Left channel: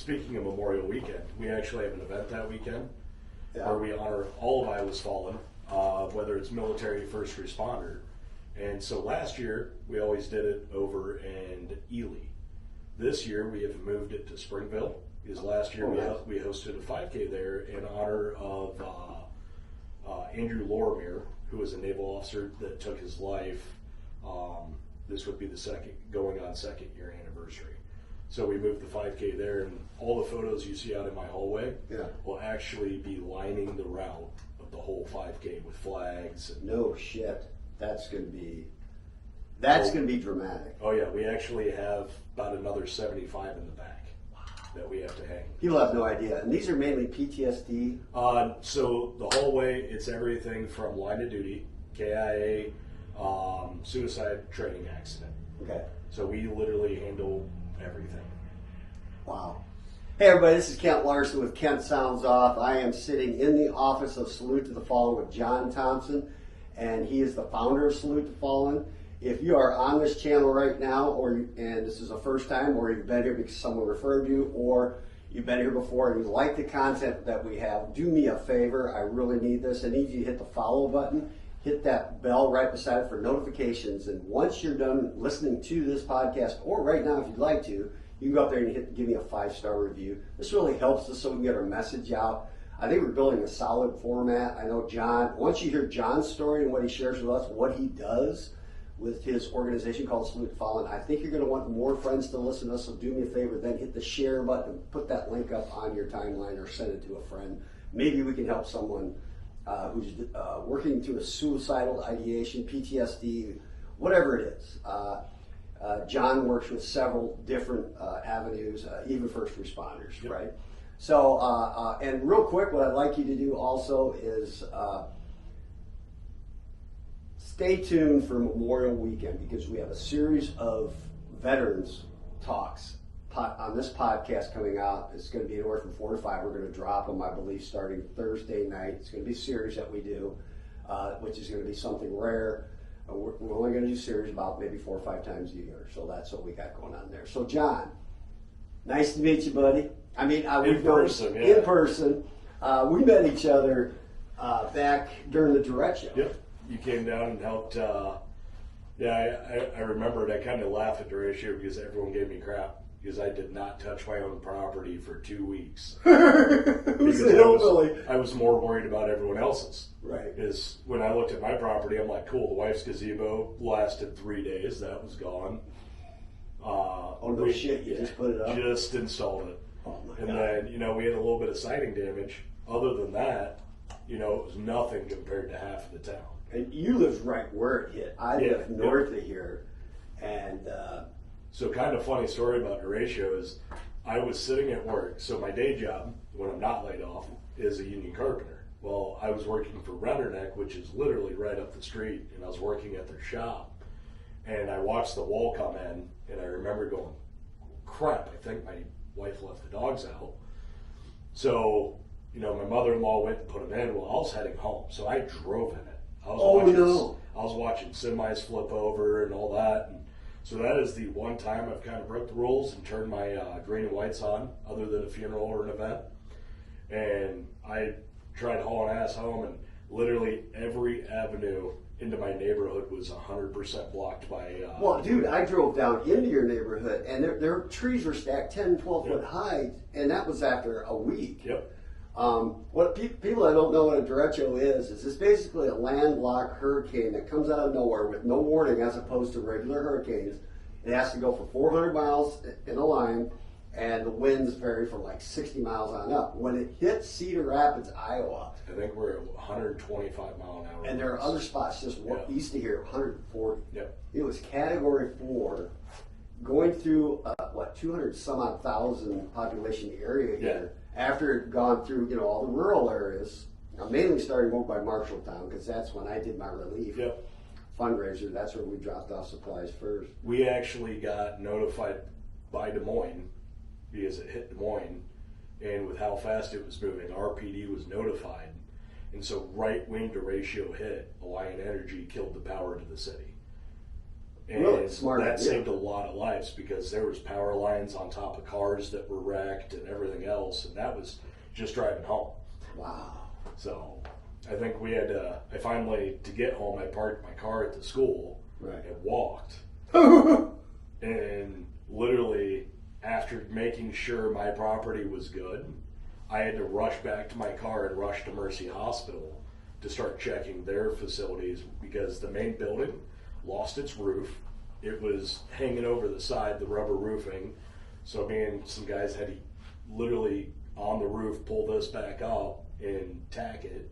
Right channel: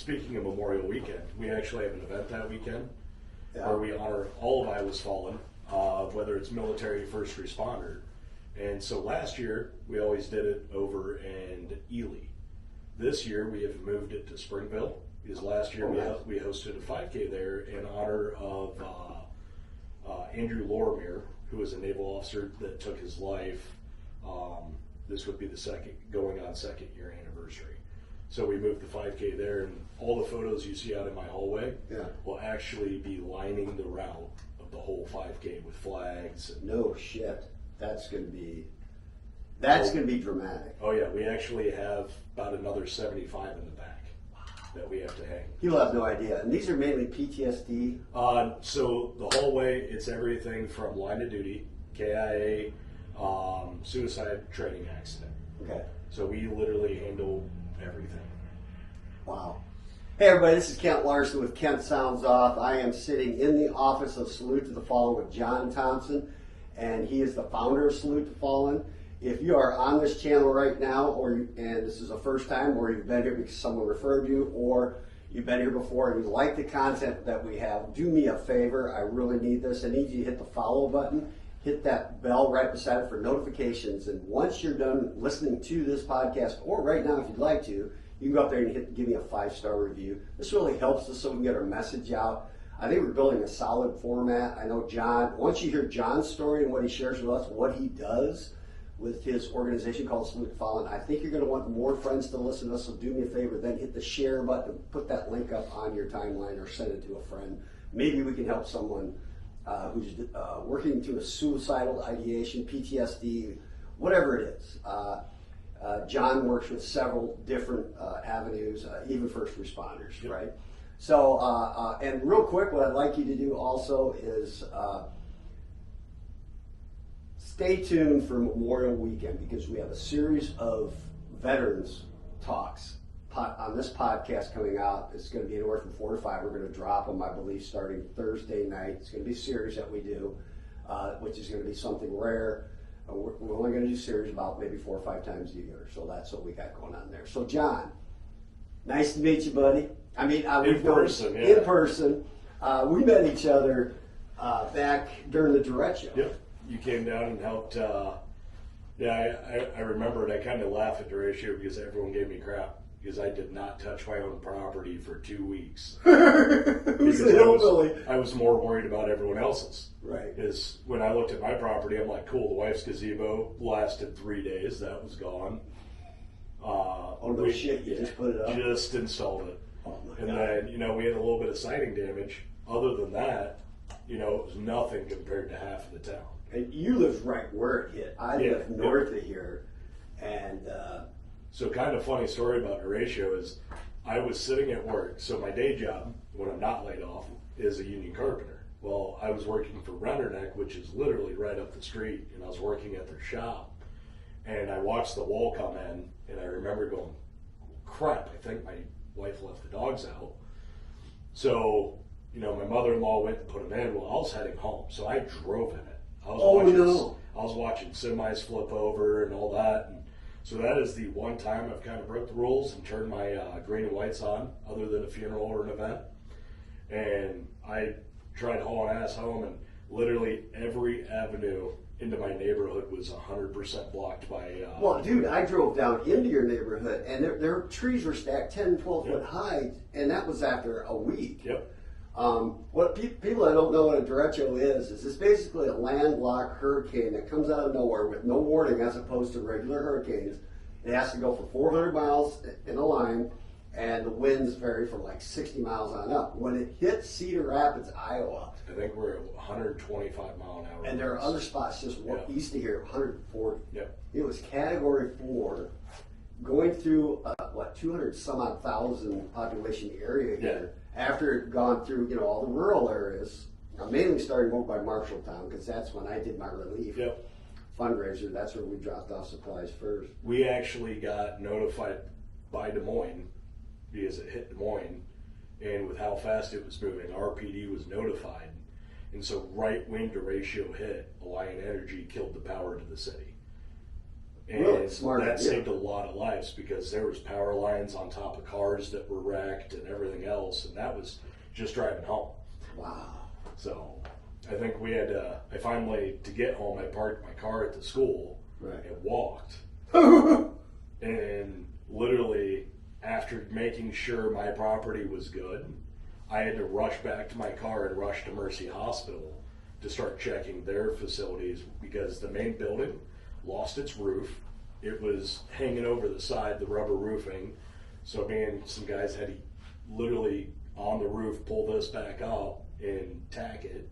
speaking of Memorial Weekend, we actually have an event that weekend where we honor all of Iowa's fallen, whether it's military, first responder. And so last year, we always did it over in Ely. This year, we have moved it to Springville, because last year we hosted a 5K there in honor of Andrew Lorimer, who was a naval officer that took his life. This would be the going on second year anniversary. So we moved the 5K there, and all the photos you see out in my hallway will actually be lining the route of the whole 5K with flags. No shit. That's going to be dramatic. Oh yeah, we actually have about another 75 in the back that we have to hang. You'll have no idea. And these are mainly PTSD? So the hallway, it's everything from line of duty, KIA, suicide, training accident. Okay. So we literally handle everything. Wow. Hey everybody, this is Kent Larson with Kent Sounds Off. I am sitting in the office of Salute to the Fallen with John Thompson, and he is the founder of Salute to the Fallen. If you are on this channel right now, and this is the first time, or you've been here because someone referred you, or you've been here before and you like the content that we have, do me a favor. I really need this. I need you to hit the follow button, hit that bell right beside it for notifications, and once you're done listening to this podcast, or right now if you'd like to, you can go up there and give me a 5-star review. This really helps us so we can get our message out. I think we're building a solid format. I know John, once you hear John's story and what he shares with us, what he does with his organization called Salute to the Fallen, I think you're going to want more friends to listen to us, so do me a favor, then hit the share button, put that link up on your timeline or send it to a friend. Maybe we can help someone who's working through a suicidal ideation, PTSD, whatever it is. John works with several different avenues, even first responders, right? So, and real quick, what I'd like you to do also is stay tuned for Memorial Weekend, because we have a series of veterans talks on this podcast coming out. It's going to be anywhere from 4 to 5. We're going to drop them, I believe, starting Thursday night. It's going to be a series that we do, which is going to be something rare. We're only going to do series about maybe 4 or 5 times a year. So that's what we got going on there. So John, nice to meet you, buddy. I mean, in person. In person. We met each other back during the Direct Show. Yep. You came down and helped. I remember it. I kind of laugh at the ratio because everyone gave me crap because I did not touch my own property for 2 weeks. I was more worried about everyone else's. Right. Because when I looked at my property, I'm like, cool, the wife's gazebo lasted 3 days. That was gone. Oh, no shit. You just put it up? Just installed it. Oh, my and God. then, we had a little bit of siding damage. Other than that, it was nothing compared to half of the town. And you lived right where it hit. I live north of here. And so kind of funny story about Horatio is I was sitting at work. So my day job, when I'm not laid off, is a union carpenter. Well, I was working for Renderneck, which is literally right up the street, and I was working at their shop. And I watched the wall come in, and I remember going, crap, I think my wife left the dogs out. So, my mother-in-law went and put them in. Well, I was heading home, so I drove in it. I was watching semis flip over and all that. And so that is the one time I've kind of broke the rules and turned my green and whites on, other than a funeral or an event. And I tried hauling ass home, and literally every avenue into my neighborhood was 100% blocked by... well, dude, I drove down into your neighborhood, and their trees were stacked 10 and 12 foot high, and that was after a week. Yep. What people that don't know what a derecho is it's basically a landlocked hurricane that comes out of nowhere with no warning, as opposed to regular hurricanes. It has to go for 400 miles in a line, and the winds vary from like 60 miles on up. When it hit Cedar Rapids, Iowa, I think we're at 125 mile an hour. And there are other spots just east of here, 140. Yep. It was Category 4, going through 200 some odd thousand population area here. After it had gone through, all the rural areas, mainly starting over by Marshalltown, because that's when I did my relief fundraiser. That's where we dropped off supplies first. We actually got notified by Des Moines because it hit Des Moines, and with how fast it was moving, our PD was notified. And so right when derecho hit, Alliant Energy killed the power to the city. And really smart. That saved a lot of lives because there was power lines on top of cars that were wrecked and everything else, and that was just driving home. Wow. So I think we had I finally, to get home, I parked my car at the school and walked. And literally, after making sure my property was good, I had to rush back to my car and rush to Mercy Hospital to start checking their facilities because the main building lost its roof. It was hanging over the side, the rubber roofing. So me and some guys had to literally on the roof pull this back up and tack it.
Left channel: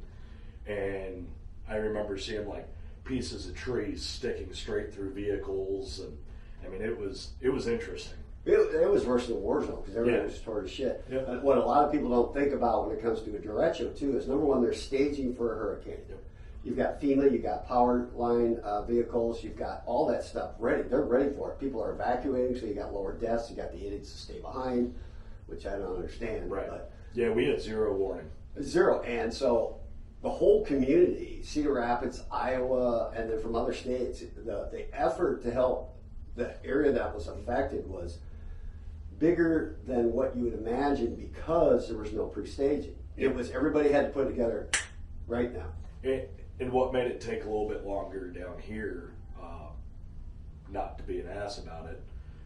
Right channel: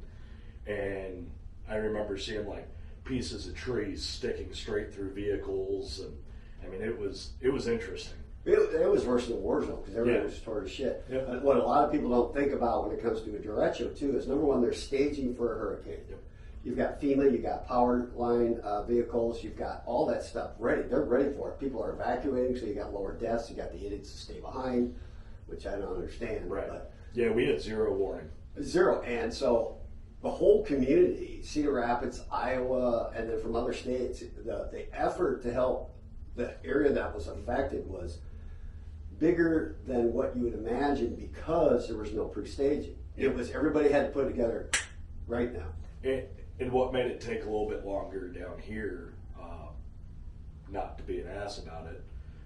And I remember seeing like pieces of trees sticking straight through vehicles, and I mean it was interesting. It was worse than a war zone because everything was tore to shit. Yeah. And what a lot of people don't think about when it comes to a derecho too is number one, they're staging for a hurricane. Yep. You've got FEMA, you've got power line vehicles, you've got all that stuff ready. They're ready for it. People are evacuating, so you got lower deaths, you got the idiots to stay behind, which I don't understand. Right. But Yeah, we had zero warning. zero. And so the whole community, Cedar Rapids, Iowa, and then from other states, the effort to help the area that was affected was bigger than what you would imagine because there was no pre-staging. It was everybody had to put it together right now. And what made it take a little bit longer down here, not to be an ass about it,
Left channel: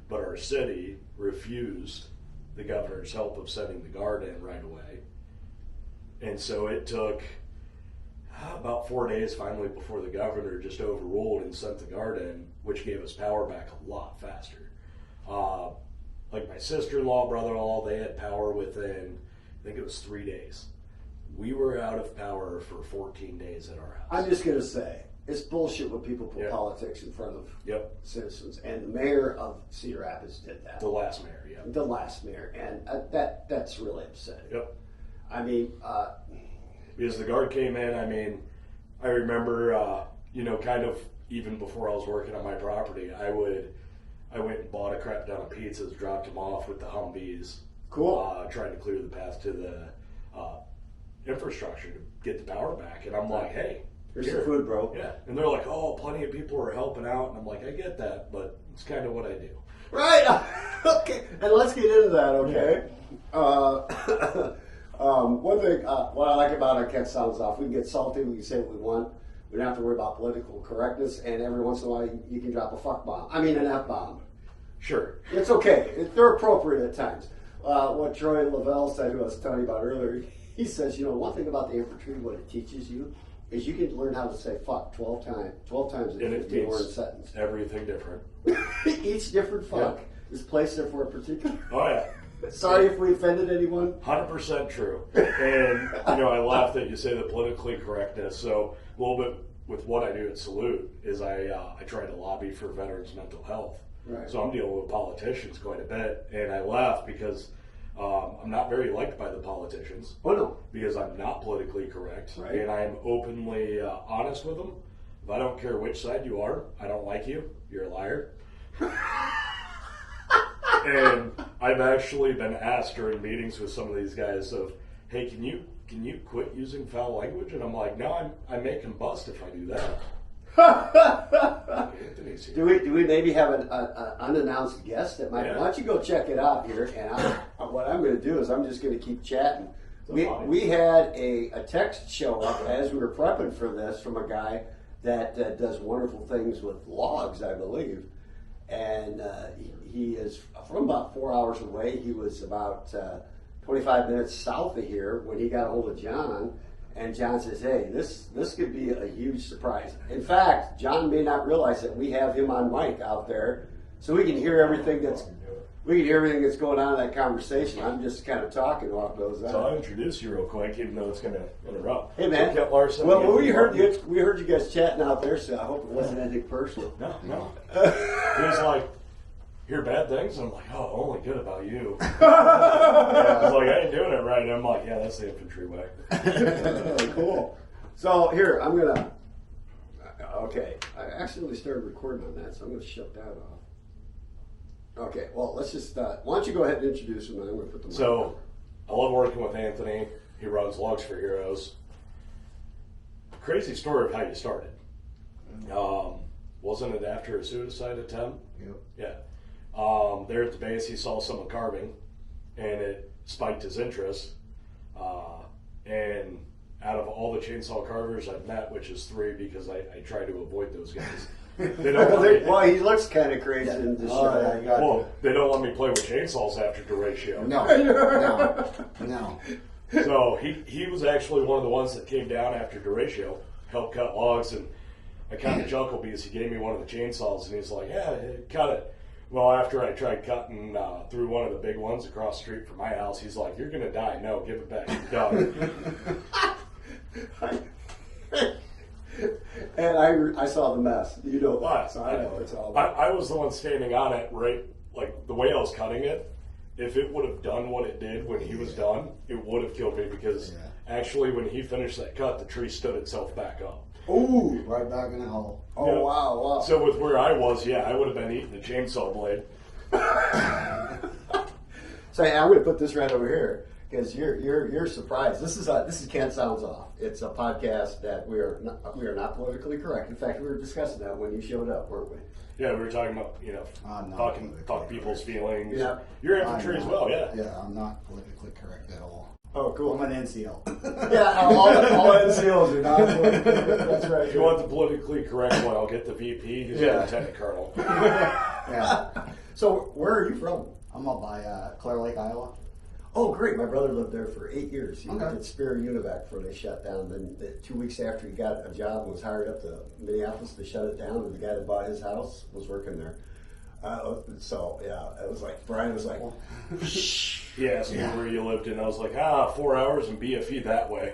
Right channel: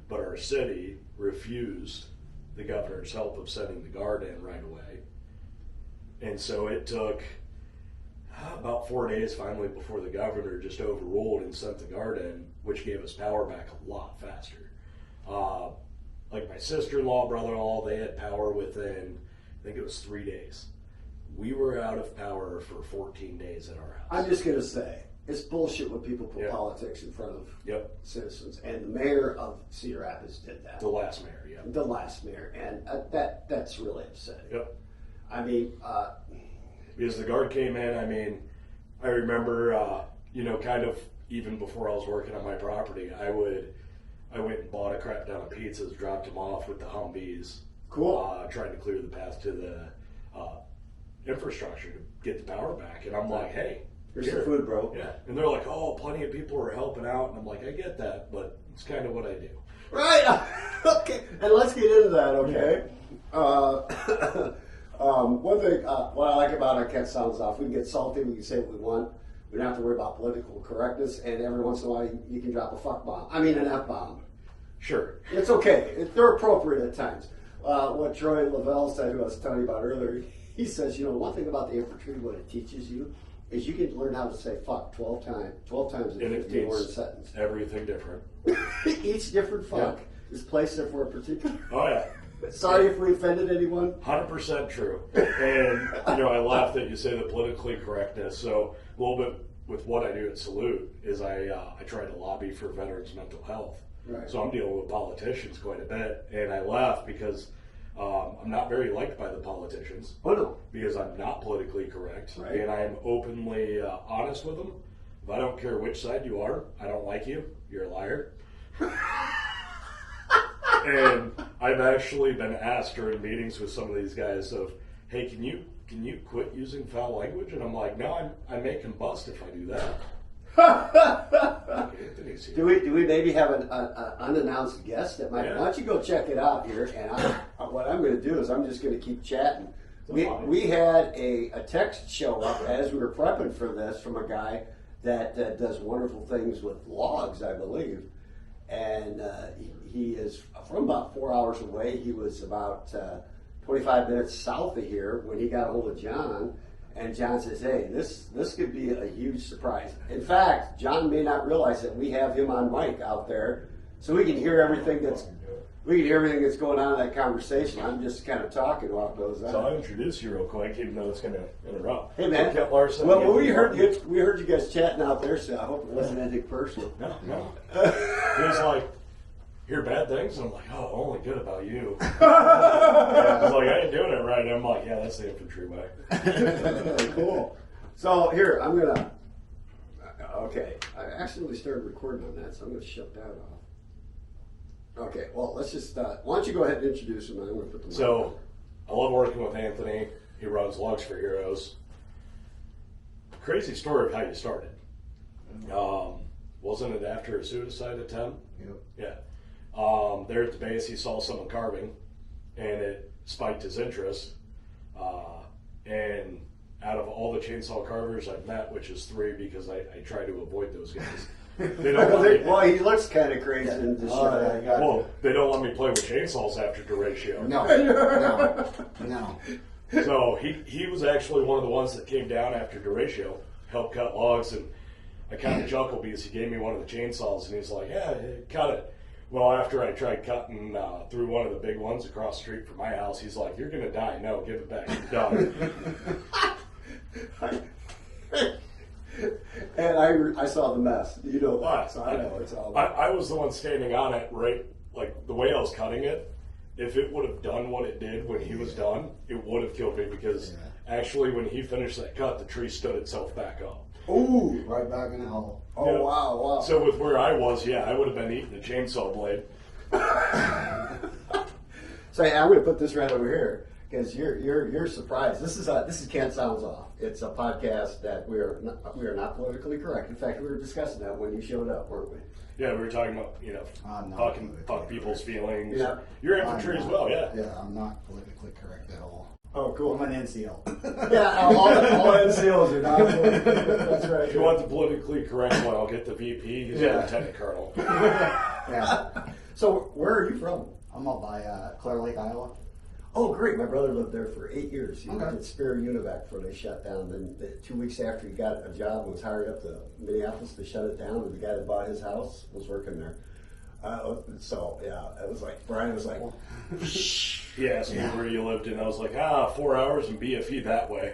but our city refused the governor's help of sending the guard in right away. And so it took about 4 days finally before the governor just overruled and sent the guard in, which gave us power back a lot faster. Like my sister-in-law, brother-in-law, they had power within, I think it was 3 days. We were out of power for 14 days at our house. I'm just going to say, it's bullshit when people put politics in front of citizens. And the mayor of Cedar Rapids did that. The last mayor, The last mayor. And that's really upsetting. Yep. I mean... because the guard came in, I mean, I remember, kind of even before I was working on my property, I went and bought a crap ton of pizzas, dropped them off with the Humvees. Cool. Trying to clear the path to the infrastructure to get the power back. And I'm like, hey, here's the food, bro. Yeah. And they're like, oh, plenty of people are helping out. And I'm like, I get that, but it's kind of what I do. Right. Okay. And let's get into that, okay? One thing, what I like about our Kent Sounds Off, we can get salty, we can say what we want. We don't have to worry about political correctness, and every once in a while you can drop a fuck bomb. I mean, an F bomb. Sure. It's okay. They're appropriate at times. What Troy Lavelle said, who I was telling you about earlier, he says, one thing about the infantry, what it teaches you, is you can learn how to say fuck 12 times in a 15-word sentence. Everything different. Each different fuck is placed there for a particular... Oh, yeah. Sorry if we offended anyone. 100% true. And, I laugh that you say the politically correctness. So a little bit with what I do at Salute is I try to lobby for veterans' mental health. Right. So I'm dealing with politicians quite a bit. And I laugh because I'm not very liked by the politicians. Oh, no. Because I'm not politically correct. Right. And I'm openly honest with them. If I don't care which side you are, I don't like you. You're a liar. And I've actually been asked during meetings with some of these guys of, hey, can you quit using foul language? And I'm like, no, I may combust if I do that. Do we maybe have an unannounced guest that might? Why don't you go check it out here? And what I'm going to do is I'm just going to keep chatting. We had a text show up as we were prepping for this from a guy that does wonderful things with logs, I believe. And he is from about 4 hours away. He was about 25 minutes south of here when he got a hold of John. And John says, hey, this could be a huge surprise. In fact, John may not realize that we have him on mic out there, so we can hear everything that's going on in that conversation. I'm just kind of talking while it goes on. So I'll introduce you real quick, even though it's going to interrupt. Hey, man. Larson, well, we heard you guys chatting out there, so I hope it wasn't anything personal. No. He's like, hear bad things? And I'm like, oh, only good about you. He's like, I ain't doing it right. And I'm like, yeah, that's the infantry way. Cool. So here, I'm going to... Okay. I accidentally started recording on that, so I'm going to shut that off. Okay, well, let's just... why don't you go ahead and introduce him, and I'm going to put them So, I love working with Anthony. He runs Logs for Heroes. Crazy story of how you started. wasn't it after a suicide attempt? Yep. Yeah. There at the base, he saw someone carving, and it spiked his interest. And out of all the chainsaw carvers I've met, which is 3 because I try to avoid those guys. They don't want me, Well, he looks kind of crazy in this well, they don't let me play with chainsaws after the ratio. No. So he was actually one of the ones that came down after the ratio, helped cut logs, and I kind of chuckled because he gave me one of the chainsaws, and he's like, yeah, cut it. Well, after I tried cutting through one of the big ones across the street from my house, he's like, you're going to die. No, give it back. You're done. And I saw the mess. You know that. So I know it's all. I was the one standing on it, right? Like the way I was cutting it, if it would have done what it did when he was done, it would have killed me because actually when he finished that cut, the tree stood itself back up. Ooh, right back in the hole. Oh, Yeah. wow. So with where I was, I would have been eating a chainsaw blade. So I'm going to put this right over here because you're surprised. This is Kent Sounds Off. It's a podcast that we are not politically correct. In fact, we were discussing that when you showed up, weren't we? Yeah, we were talking about fuck people's feelings. Yeah. You're infantry as well, yeah. Yeah, I'm not politically correct at all. Oh, cool. I'm an NCO. Yeah, all NCOs are not politically correct. That's right. If you want the politically correct one, I'll get the VP. He's a lieutenant colonel. Yeah. So where are you from? I'm up by Clear Lake, Iowa. Oh, great. My brother lived there for 8 years. He Okay. worked at Spear Univac before they shut down. Then 2 weeks after he got a job and was hired up to Minneapolis to shut it down, and the guy that bought his house was working there. It was like, Brian was like, He asked me where you lived, and I was like, 4 hours and BFE that way.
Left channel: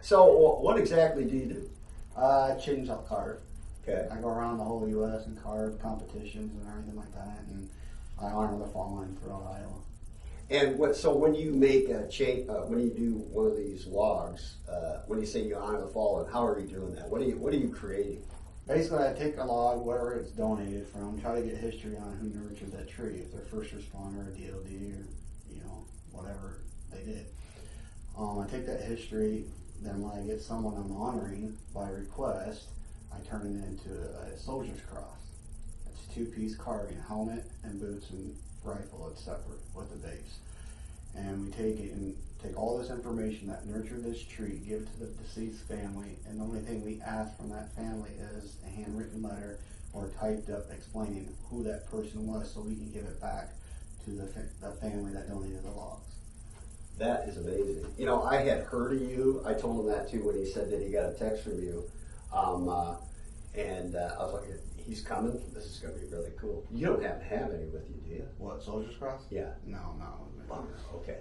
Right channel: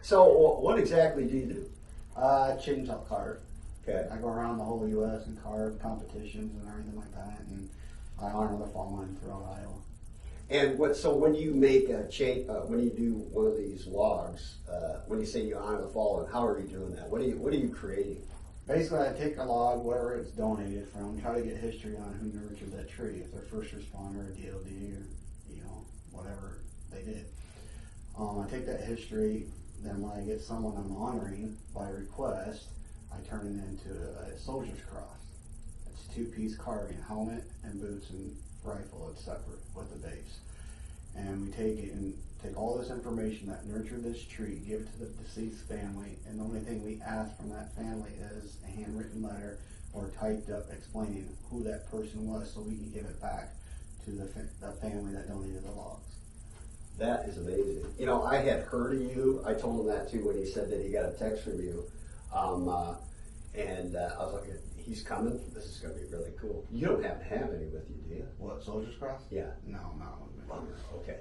so what exactly do you do? Chainsaw carver. Okay. I go around the whole U.S. and carve competitions and everything like that, and I honor the fallen throughout Iowa. And when you make a when you do one of these logs, when you say you honor the fallen, how are you doing that? What are you creating? Basically, I take a log, whatever it's donated from, try to get history on who nurtured that tree, if they're first responder, DOD, or whatever they did. I take that history, then when I get someone I'm honoring by request, I turn it into a soldier's cross. It's a 2-piece carving, helmet and boots and rifle. It's separate with the base. And we take it and take all this information that nurtured this tree, give it to the deceased family, and the only thing we ask from that family is a handwritten letter or typed up explaining who that person was so we can give it back to the family that donated the logs. That is amazing. I had heard of you. I told him that too when he said that he got a text from you. And I was like, he's coming. This is going to be really cool. You don't have to have any with you, do you? What, Soldier's Cross? Yeah. No. Okay.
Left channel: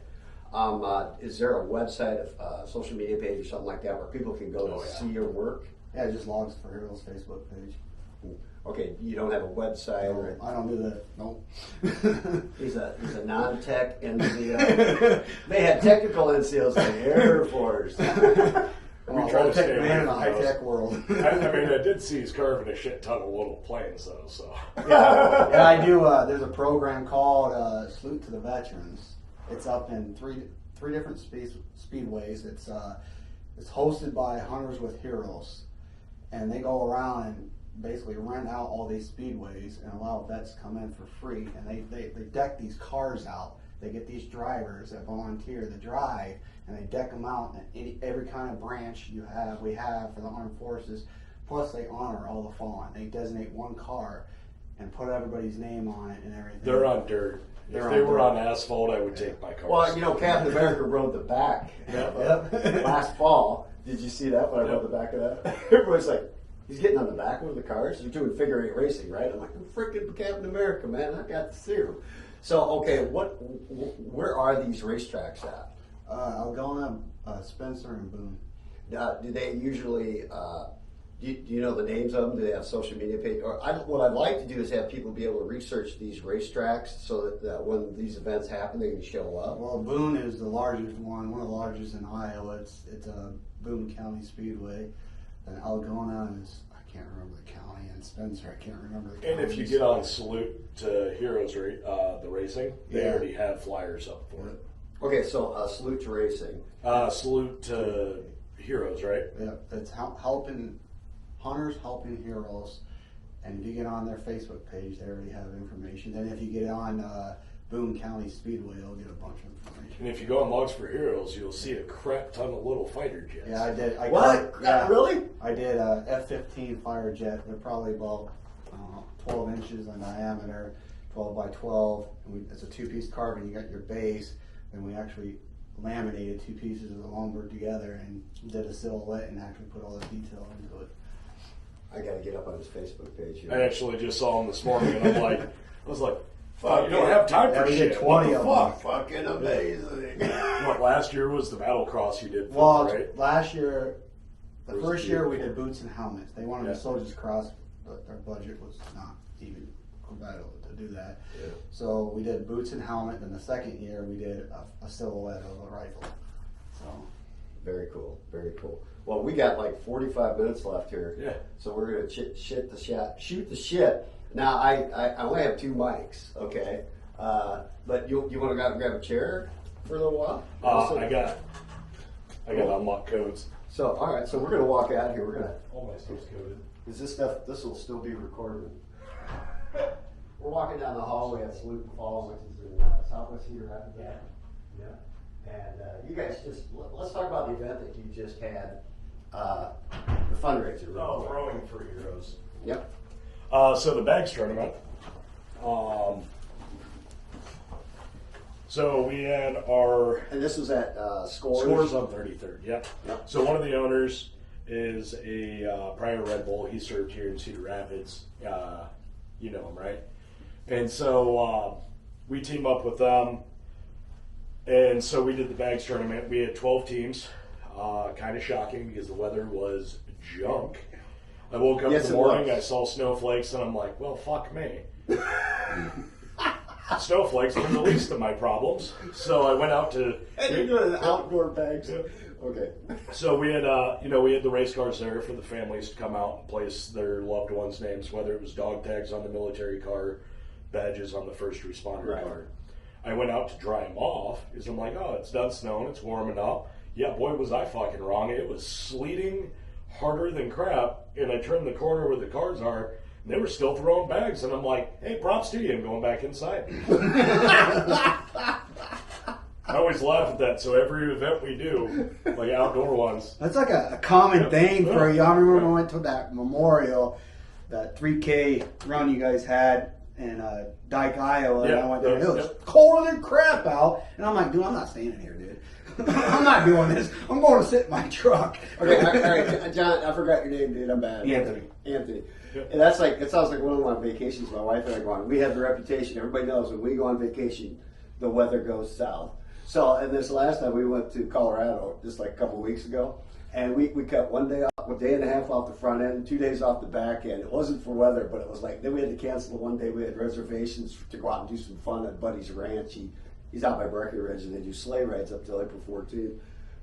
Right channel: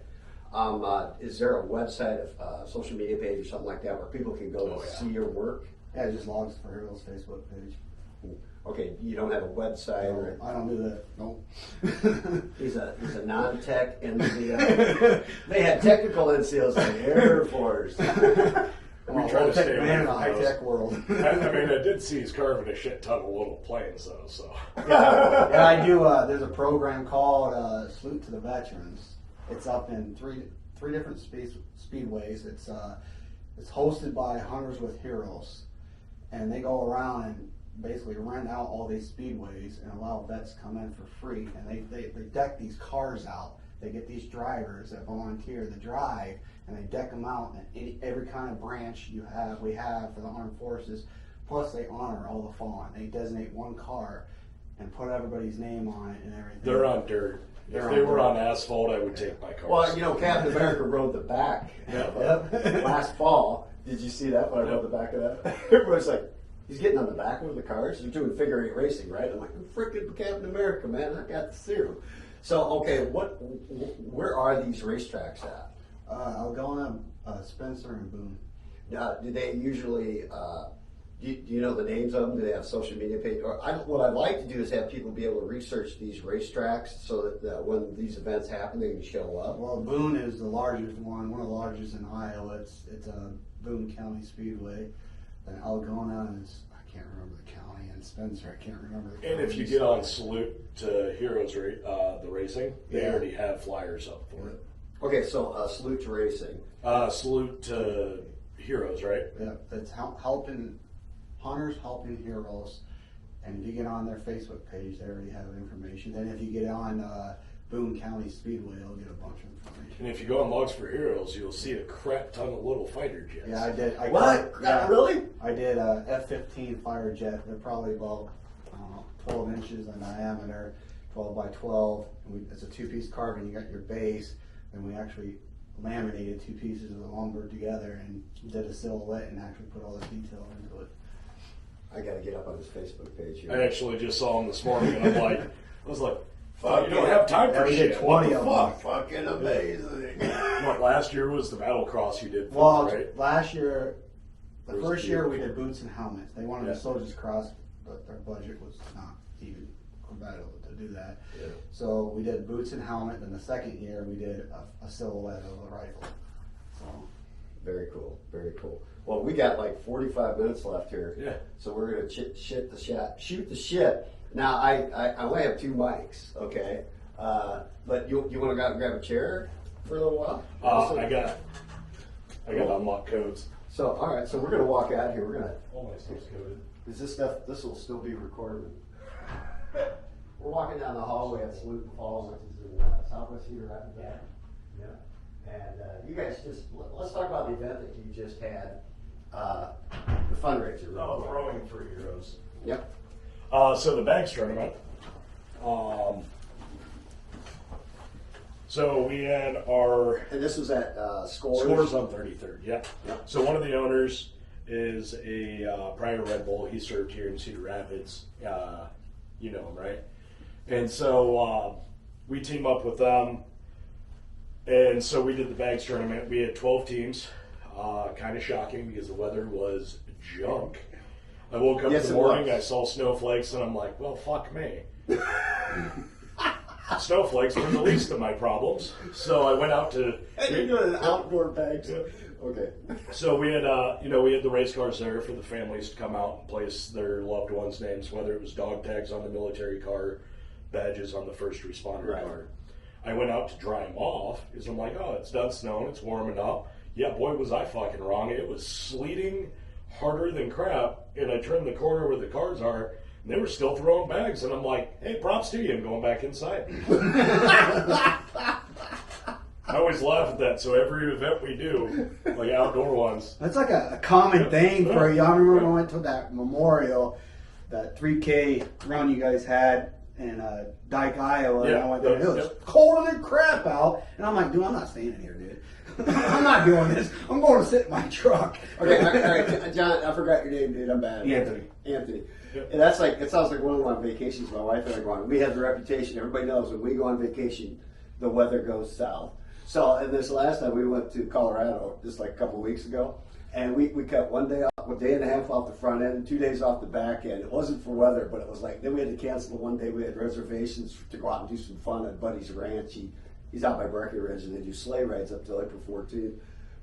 Is there a website, social media page or something like that where people can go see your work? Yeah, just Logs for Heroes Facebook page. Okay, you don't have a website or I don't do that. Nope. he's a non-tech NCO. They had technical NCOs in the Air Force. We try to stay away in the from high those. tech world. I did see he's carving a shit ton of little planes, though, so. Yeah, I do. There's a program called Salute to the Veterans. It's up in three different speedways. It's hosted by Hunters with Heroes, and they go around and basically rent out all these speedways and allow vets to come in for free. And they deck these cars out. They get these drivers that volunteer to drive, and they deck them out in every kind of branch we have for the armed forces. Plus, they honor all the fallen. They designate one car and put everybody's name on it and everything. They're on dirt. If they were on asphalt, I would take my cars. Well, Captain America rode the back last fall. Did you see that when I rode the back of that? Everybody's like, he's getting on the back of the cars. They're doing figure eight racing, right? I'm like, I'm freaking Captain America, man. I got to see him. So, okay, where are these racetracks at? Algona, Spencer, and Boone. Do they usually, do you know the names of them? Do they have social media pages? What I'd like to do is have people be able to research these racetracks so that when these events happen, they can show up. Well, Boone is the largest one of the largest in Iowa. It's a Boone County Speedway. And Algona is, I can't remember the county, and Spencer, I can't remember the And if you get on Salute to Heroes, the racing, they already have flyers up for it. Okay, so Salute to Racing. Salute to Heroes, right? Yeah, it's helping Hunters helping Heroes And if you get on their Facebook page, they already have information. Then if you get on Boone County Speedway, they'll get a bunch of information. And if you go on Logs for Heroes, you'll see a crap ton of little fighter jets. Yeah, I did. Really? I did a F-15 fighter jet. They're probably about 12 inches in diameter, 12 by 12. It's a two-piece carbon. You got your base, and we actually laminated two pieces of the Longboard together and did a silhouette and actually put all the detail into it. I got to get up on his Facebook page here. I actually just saw him this morning, and I was like, fuck, you don't have time for shit. What the fuck? Fucking amazing. What, last year was the battle cross you did for Well, right? last year, the Or was first it year we before? did boots and helmets. They wanted Yeah. the soldiers cross, but their budget was not even compatible to do that. Yeah. So we did boots and helmet. Then the second year we did a silhouette of a rifle. So Very cool. Very cool. Well, we got like 45 minutes left here. Yeah. So we're gonna shoot the shit. Now I only have 2 mics, okay? But you want to go out and grab a chair for a little while? I got unlock codes. So all right. So we're gonna walk out here. We're gonna. All my stuff's coded. Is this stuff? This will still be recorded. We're walking down the hallway at Salute and Fall, which is in Southwest Cedar Rapids. Yeah. And you guys let's talk about the event that you just had, the fundraiser. Oh, Rowing for Heroes. Yep. So the bags tournament. So we had our And this was at Scores. Scores on 33rd. Yep. Yep. So one of the owners is a prior Red Bull. He served here in Cedar Rapids. You know him, right? And so we teamed up with them. And so we did the bags tournament. We had 12 teams. Kind of shocking because the weather was junk. I woke up in the morning, I saw snowflakes, and I'm like, well, fuck me. Snowflakes were the least of my problems. So I went out to... And you're doing an outdoor bags. Okay. So we had, we had the race cars there for the families to come out and place their loved ones' names, whether it was dog tags on the military car, badges on the first responder car. I went out to dry them off because I'm like, oh, it's done snowing, it's warming up. Yeah, boy, was I fucking wrong. It was sleeting harder than crap, and I turned the corner where the cars are, and they were still throwing bags, and I'm like, hey, props to you, and going back inside. I always laugh at that, so every event we do, like outdoor ones. that's like a common thing for you. I remember when I went to that memorial, that 3K run you guys had in Dyke, Iowa. And I went there. It was cold than crap out, and I'm like, dude, I'm not staying here, dude. I'm not doing this. I'm going to sit in my truck. Okay, all right, John, I forgot your name, dude. I'm bad. Anthony. Yep. And that's like, it sounds like one of my vacations my wife and I go on. We have the reputation, everybody knows when we go on vacation, the weather goes south. So, and this last time we went to Colorado, just like a couple weeks ago, and we cut one day off, a day and a half off the front end, and 2 days off the back end. It wasn't for weather, but it was like, then we had to cancel the one day. We had reservations to go out and do some fun at Buddy's Ranch. He's out by Breckenridge, and they do sleigh rides up till April 14th.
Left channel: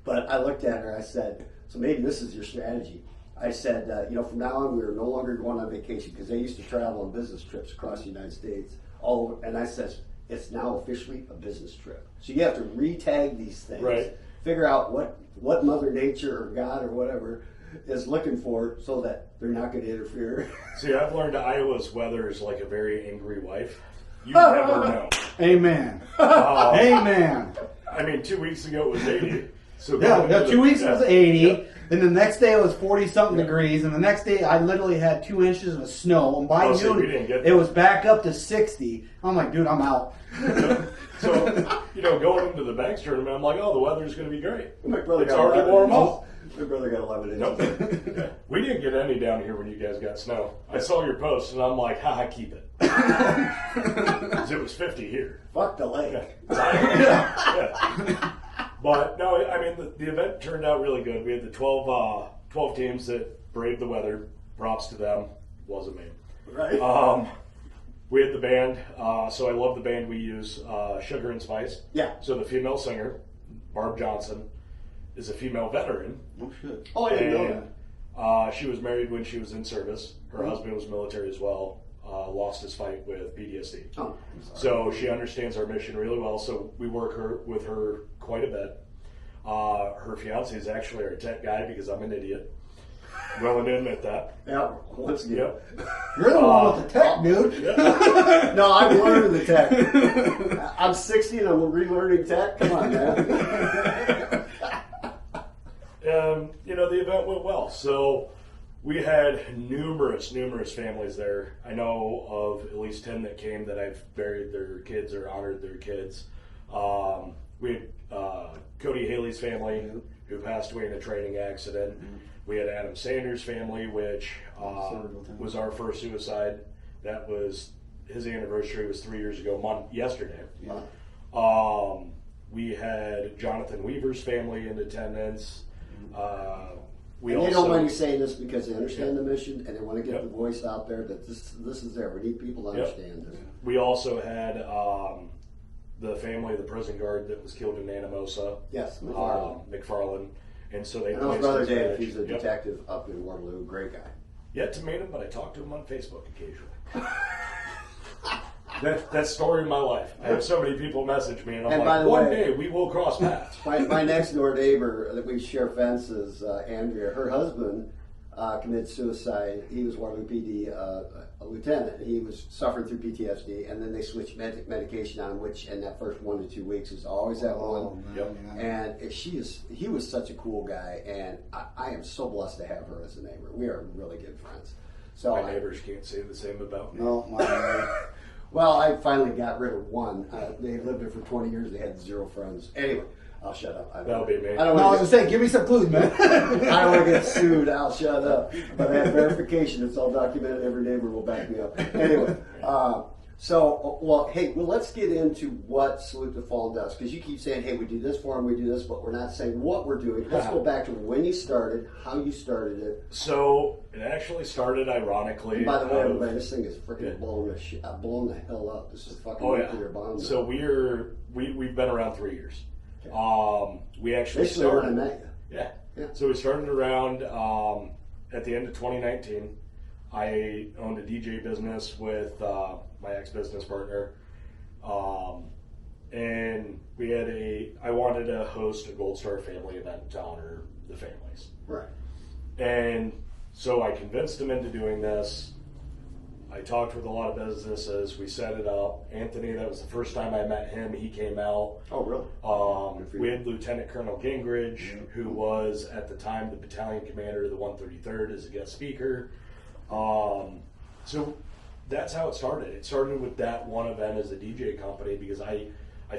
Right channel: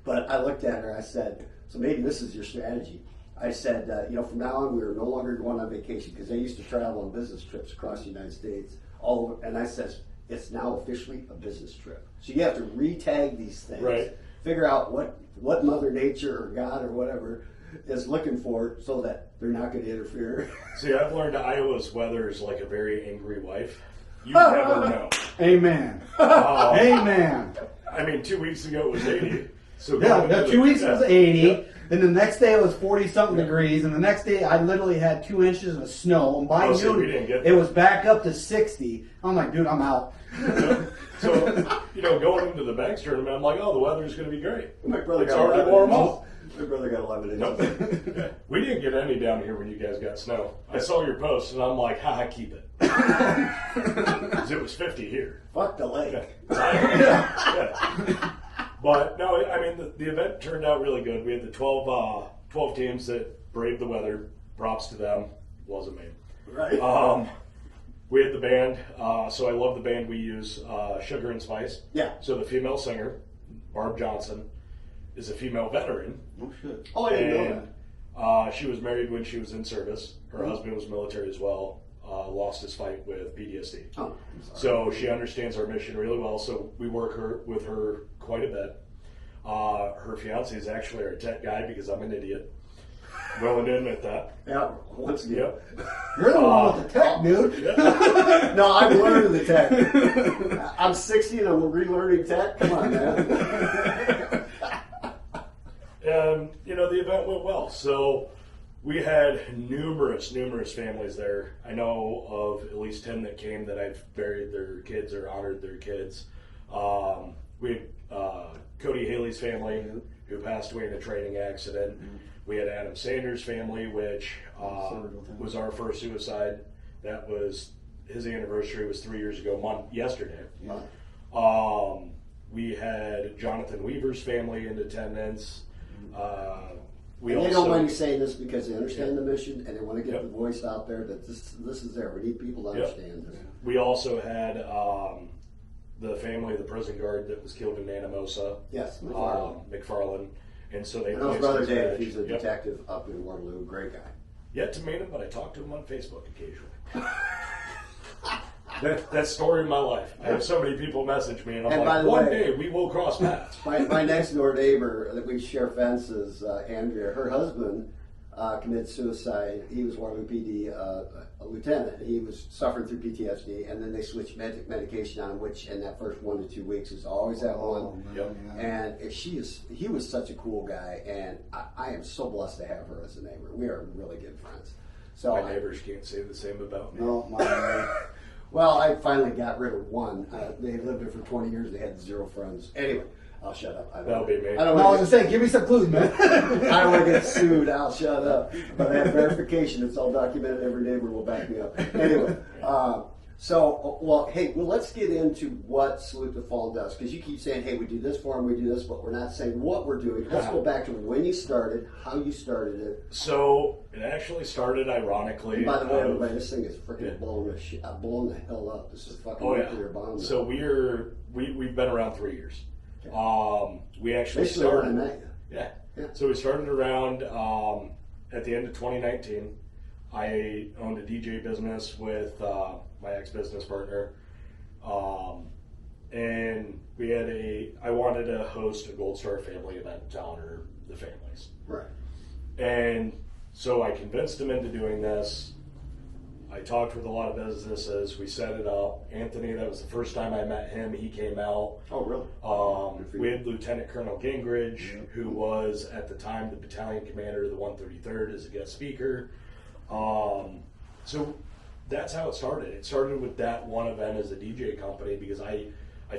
But I looked at her, I said, so maybe this is your strategy. I said, from now on, we are no longer going on vacation, because they used to travel on business trips across the United States. And I said, it's now officially a business trip. So you have to re-tag these things, figure out what Mother Nature or God or whatever is looking for so that they're not going to interfere. See, I've learned Iowa's weather is like a very angry wife. You never know. Amen. Amen. I mean, 2 weeks ago it was 80. So Yeah, 2 weeks was 80. Then the next day it was 40-something degrees. And the next day I literally had 2 inches of snow. And by so we noon, didn't get it was back up to 60. I'm like, dude, I'm out. So, going into the bags tournament, I'm like, oh, the weather's going to be great. My brother It's got already 11 warm inches. up. My brother got 11 inches. Nope. Yeah. We didn't get any down here when you guys got snow. I saw your post, and I'm like, haha, keep it. Because it was 50 here. Fuck the lake. Yeah. But, no, I mean, the event turned out really good. We had the 12 teams that braved the weather. Props to them. Wasn't me. Right. We had the band. So I love the band we use, Sugar and Spice. Yeah. So the female singer, Barb Johnson, is a female veteran. Oh, shit. Oh, I didn't know that. She was married when she was in service. Her husband was military as well. Lost his fight with PTSD. Oh, so she understands our mission really well. So we work with her quite a bit. Her fiance is actually our tech guy because I'm an idiot. willing to admit that. Yeah, once again. Yep. You're the one with the tech, dude. No, I'm learning the tech. I'm 60 and I'm relearning tech. Come on, man. And, the event went well. So we had numerous families there. I know of at least 10 that came that I've buried their kids or honored their kids. We had Cody Haley's family who passed away in a training accident. We had Adam Sanders' family, which was our first suicide. That was, his anniversary was 3 years ago, yesterday. Yeah. We had Jonathan Weaver's family in attendance. They don't mind you saying this because they understand the mission and they want to get the voice out there that this is there. We need people to understand this. We also had the family of the prison guard that was killed in Anamosa. Yes, McFarland. And so they. And that was Brother Dave. He's a detective up in Waterloo. Great guy. Yet to meet him, but I talk to him on Facebook occasionally. That's story of my life. I have so many people message me, and I'm like, one day we will cross paths. My next door neighbor that we share fences, Andrea, her husband committed suicide. He was Waterloo PD a lieutenant. He was suffering through PTSD, and then they switched medication on, which in that first 1 to 2 weeks is always that one. And he was such a cool guy, and I am so blessed to have her as a neighbor. We are really good friends. So my neighbors can't say the same about me. No, well, I finally got rid of one. They lived there for 20 years. They had 0 friends. Anyway, I'll shut up. That'll be me. I was going to say, give me some clues, man. I don't want to get sued. I'll shut up. But I have verification. It's all documented. Every neighbor will back me up. Anyway, let's get into what Salute the Fallen does. Because you keep saying, hey, we do this for them, we do this, but we're not saying what we're doing. Let's go back to when you started, how you started it. So it actually started ironically. And by the way, everybody, this thing is freaking blowing the hell up. This is fucking nuclear bomb. So we've been around 3 years. Okay. We actually started. Yeah. So we started around at the end of 2019. I owned a DJ business with my ex-business partner, and I wanted to host a Gold Star family event to honor the families. Right. And so I convinced him into doing this. I talked with a lot of businesses. We set it up. Anthony, that was the first time I met him. He came out. Oh, really? We had Lieutenant Colonel Gingrich, who was at the time the battalion commander of the 133rd, as a guest speaker. So that's how it started. It started with that one event as a DJ company because I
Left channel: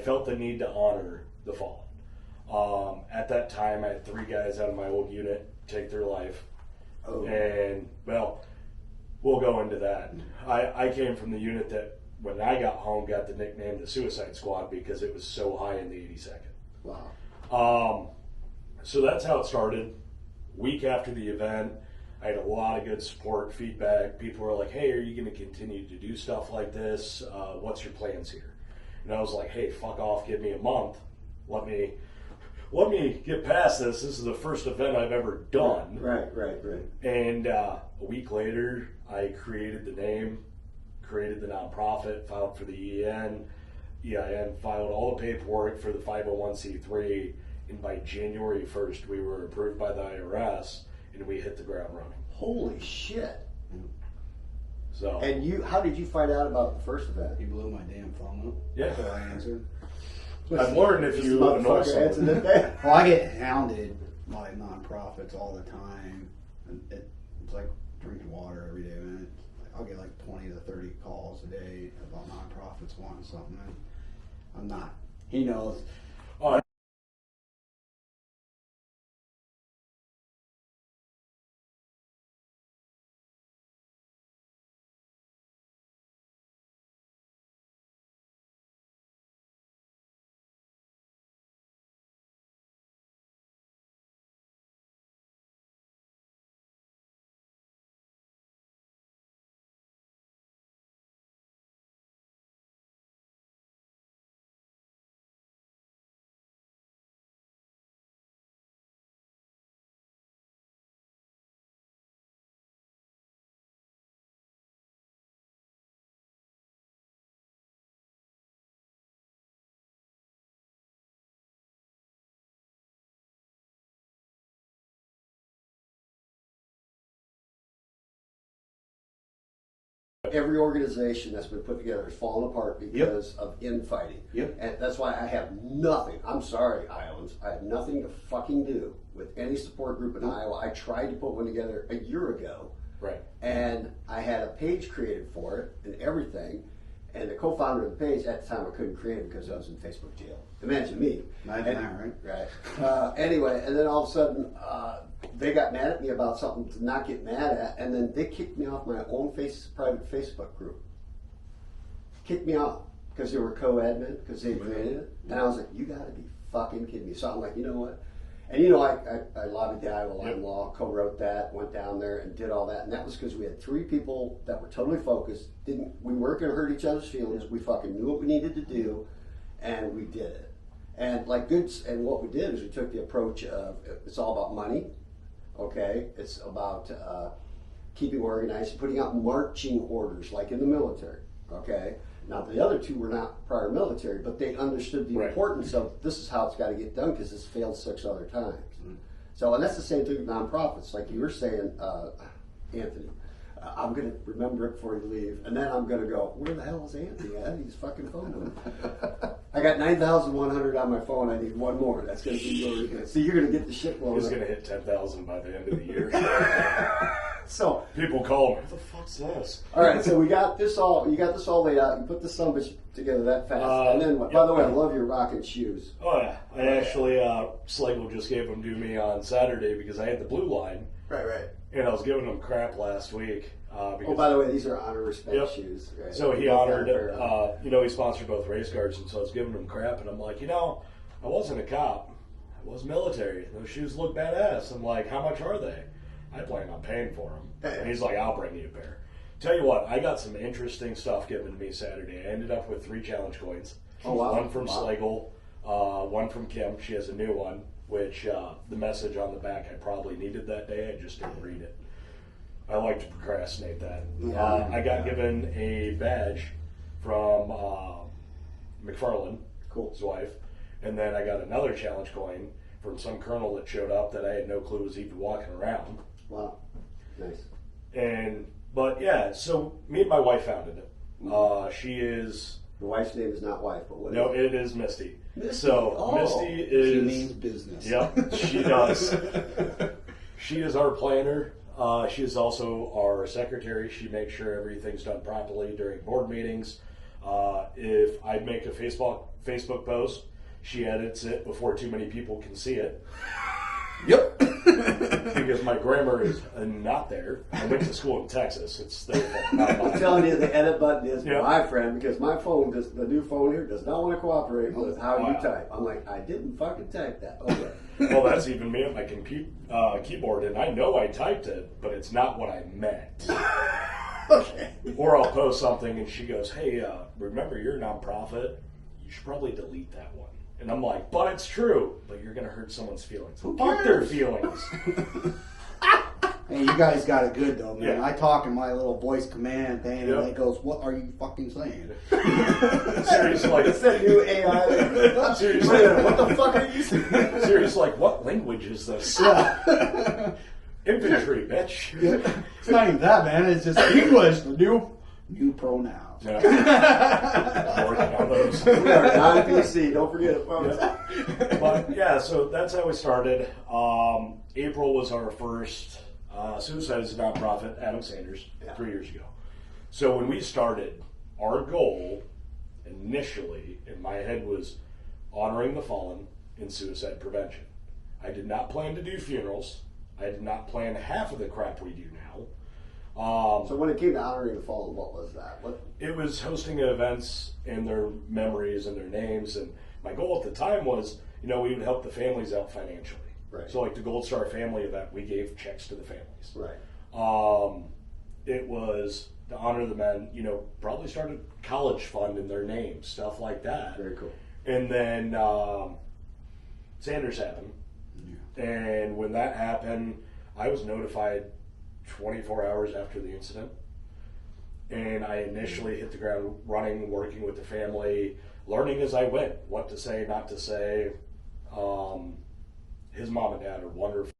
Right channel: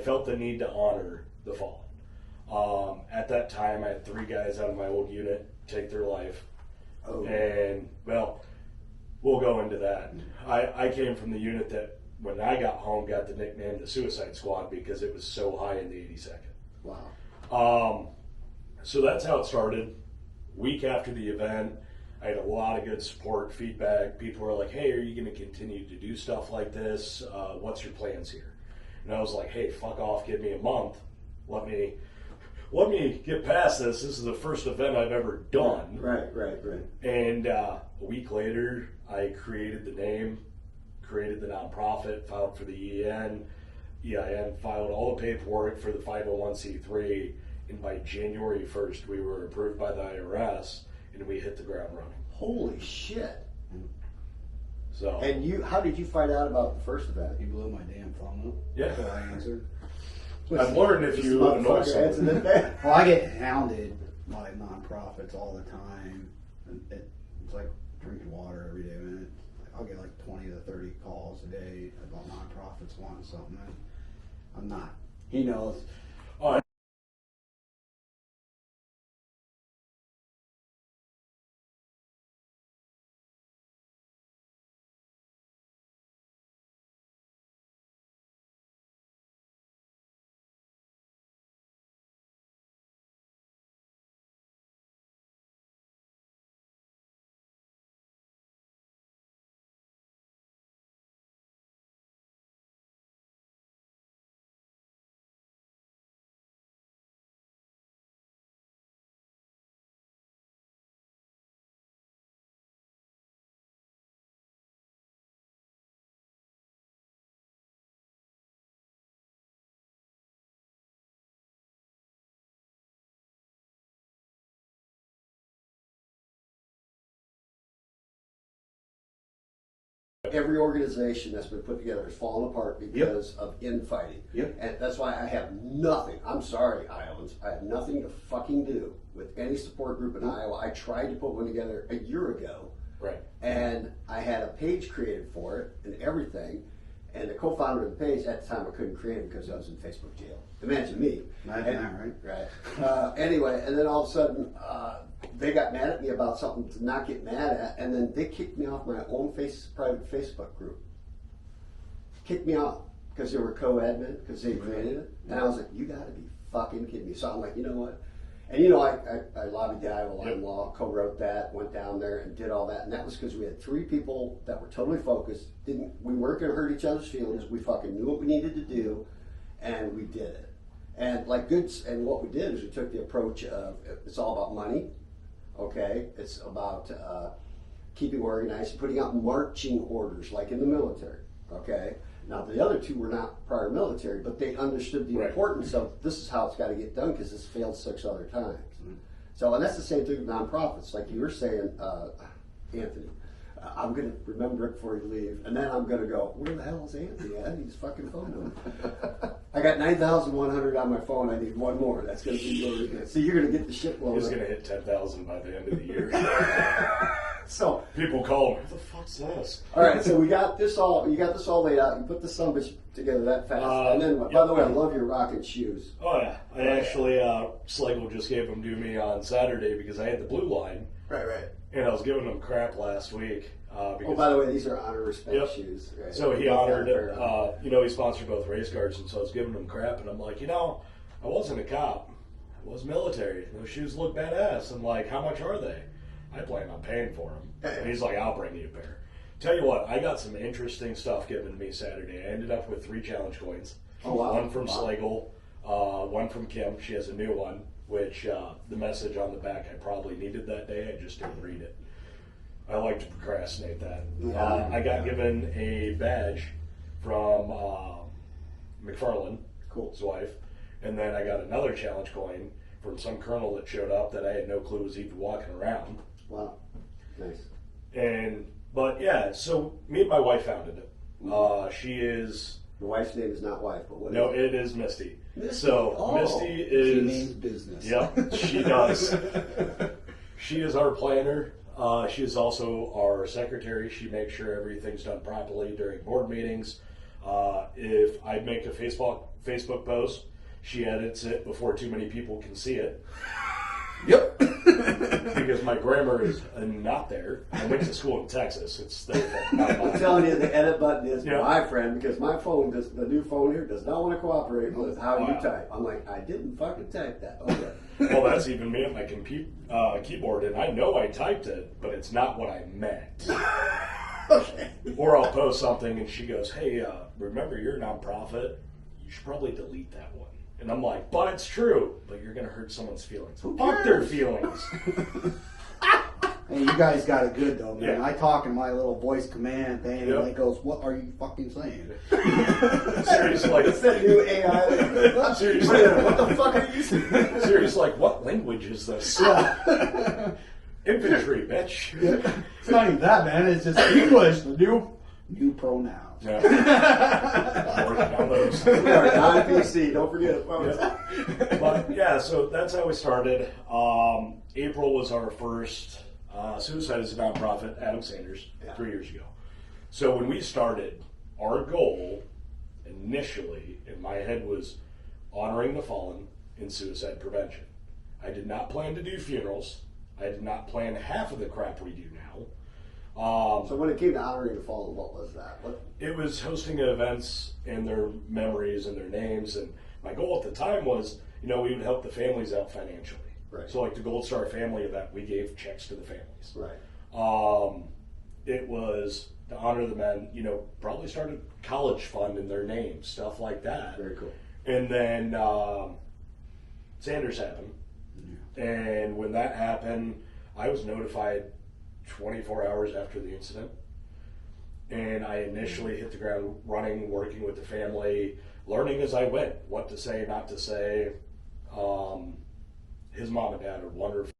felt the need to honor the fallen. At that time, I had 3 guys out of my old unit take their life. Oh. And, well, we'll go into that. I came from the unit that, when I got home, got the nickname the Suicide Squad because it was so high in the 82nd. Wow. So that's how it started. Week after the event, I had a lot of good support, feedback. People were like, hey, are you going to continue to do stuff like this? What's your plans here? And I was like, hey, fuck off, give me a month. Let me get past this. This is the first event I've ever done. Right. And a week later, I created the name, created the nonprofit, filed for the EIN, filed all the paperwork for the 501c3, and by January 1st, we were approved by the IRS, and we hit the ground running. Holy shit. So. And how did you find out about the first event? You blew my damn phone up. Yeah. So I answered. I've learned if you know someone. Well, I get hounded by nonprofits all the time. It's like drinking water every day, man. I'll get like 20 to 30 calls a day about nonprofits wanting something. I'm not. He knows. every organization that's been put together has fallen apart because of infighting. Yep. And that's why I have nothing, I'm sorry, Iowans, I have nothing to fucking do with any support group in Iowa. I tried to put one together a year ago. Right. And I had a page created for it and everything. And the co-founder of the page at the time I couldn't create it because I was in Facebook jail. Imagine me. Right. Anyway, and then all of a sudden they got mad at me about something to not get mad at, and then they kicked me off my own private Facebook group. Kicked me out because they were co-admin because they created it, and I was like, "You got to be fucking kidding me!" So I'm like, you know what? And I lobbied the Iowa Line Law, co-wrote that, went down there and did all that. And that was because we had 3 people that were totally focused. We weren't going to hurt each other's feelings. We fucking knew what we needed to do, and we did it. And and what we did is we took the approach of, it's all about money, okay? It's about keeping organized, putting out marching orders like in the military, okay? Now, the other 2 were not prior military, but they understood the importance of this is how it's got to get done because it's failed 6 other times. So, and that's the same thing with nonprofits. Like you were saying, Anthony, I'm going to remember it before you leave, and then I'm going to go, where the hell is Anthony at? He's fucking phone number. I got 9,100 on my phone. I need 1 more. That's going to be really good. See, you're going to get the shit blown He's up. going to hit 10,000 by the end of the year. So people call me, what the fuck's this? All right, so you got this all laid out. You put the sumbitch together that fast, and then what? By the way, I love your rocking shoes. Oh yeah, I actually Slagle just gave them to me on Saturday because I had the blue line. Right. And I was giving them crap last week. Because, by the way, these are honor respect shoes. Right? So he honored it. He sponsored both race cars, and so I was giving him crap, and I'm like, I wasn't a cop. I was military. Those shoes look badass. I'm like, how much are they? I plan on paying for them. And he's like, I'll bring you a pair. Tell you what, I got some interesting stuff given to me Saturday. I ended up with 3 challenge coins. Oh, wow. 1 from Slagle, 1 from Kim. She has a new one, which the message on the back I probably needed that day. I just didn't read it. I like to procrastinate that. I got given a badge from McFarland, his wife, and then I got another challenge coin from some colonel that showed up that I had no clue was even walking around. Wow, nice. But yeah, so me and my wife founded it. She is. Your wife's name is not wife, but what? No, it is Misty. Misty. So Misty is. She means business. Yep, she does. She is our planner. She is also our secretary. She makes sure everything's done properly during board meetings. If I make a Facebook post, she edits it before too many people can see it. Yep. Because my grammar is not there. I went to school in Texas. It's their fault, not mine. I'm telling you, the edit button is my friend because my phone, the new phone here, does not want to cooperate with how you type. I'm like, I didn't fucking type that. Okay. Well, that's even me on my keyboard, and I know I typed it, but it's not what I meant. Okay. Or I'll post something, and she goes, hey, remember you're a nonprofit? You should probably delete that one. And I'm like, but it's true. But you're going to hurt someone's feelings. Fuck their feelings. Man, you guys got it good though, man. Yeah. I talk in my little voice command thing, and it goes, "What are you fucking saying?" Seriously, like It's that new AI. Like, seriously, what the fuck are you saying? seriously, like what language is this? Infantry, bitch. It's not even that, man. It's just English. The new pronouns. Yeah. Working on those. We are non-PC, don't forget it, folks. But yeah, so that's how we started. April was our first Suicide is a Nonprofit, Adam Sanders, 3 years ago. So when we started, our goal initially in my head was honoring the fallen in suicide prevention. I did not plan to do funerals. I did not plan half of the crap we do now. So when it came to honoring the fallen, what was that? It was hosting events in their memories and their names. And my goal at the time was, we would help the families out financially. Right. So like the Gold Star family event, we gave checks to the families. Right. It was to honor the men, probably started college fund in their names, stuff like that. Very cool. And then Sanders happened. And when that happened, I was notified 24 hours after the incident. And I initially hit the ground running, working with the family, learning as I went, what to say, not to say. His mom and dad are wonderful.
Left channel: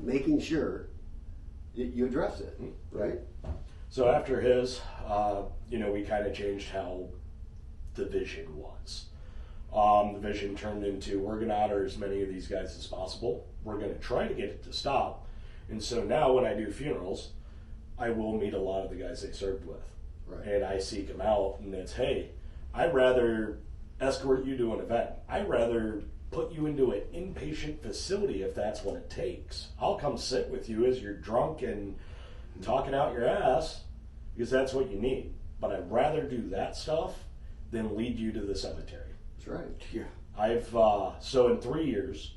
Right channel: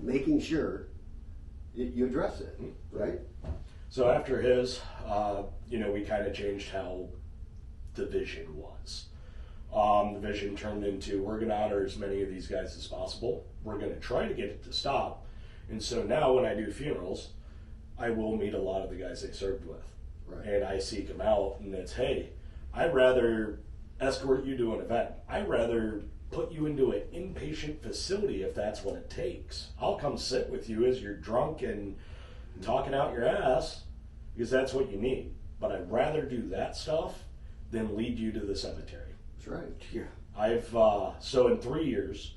making sure you address it, right? So after his, we kind of changed how the vision was. The vision turned into, we're going to honor as many of these guys as possible. We're going to try to get it to stop. And so now when I do funerals, I will meet a lot of the guys they served with. Right. And I seek them out, and it's, hey, I'd rather escort you to an event. I'd rather put you into an inpatient facility if that's what it takes. I'll come sit with you as you're drunk and talking out your ass because that's what you need. But I'd rather do that stuff than lead you to the cemetery. That's right. Yeah. I've, so in 3 years,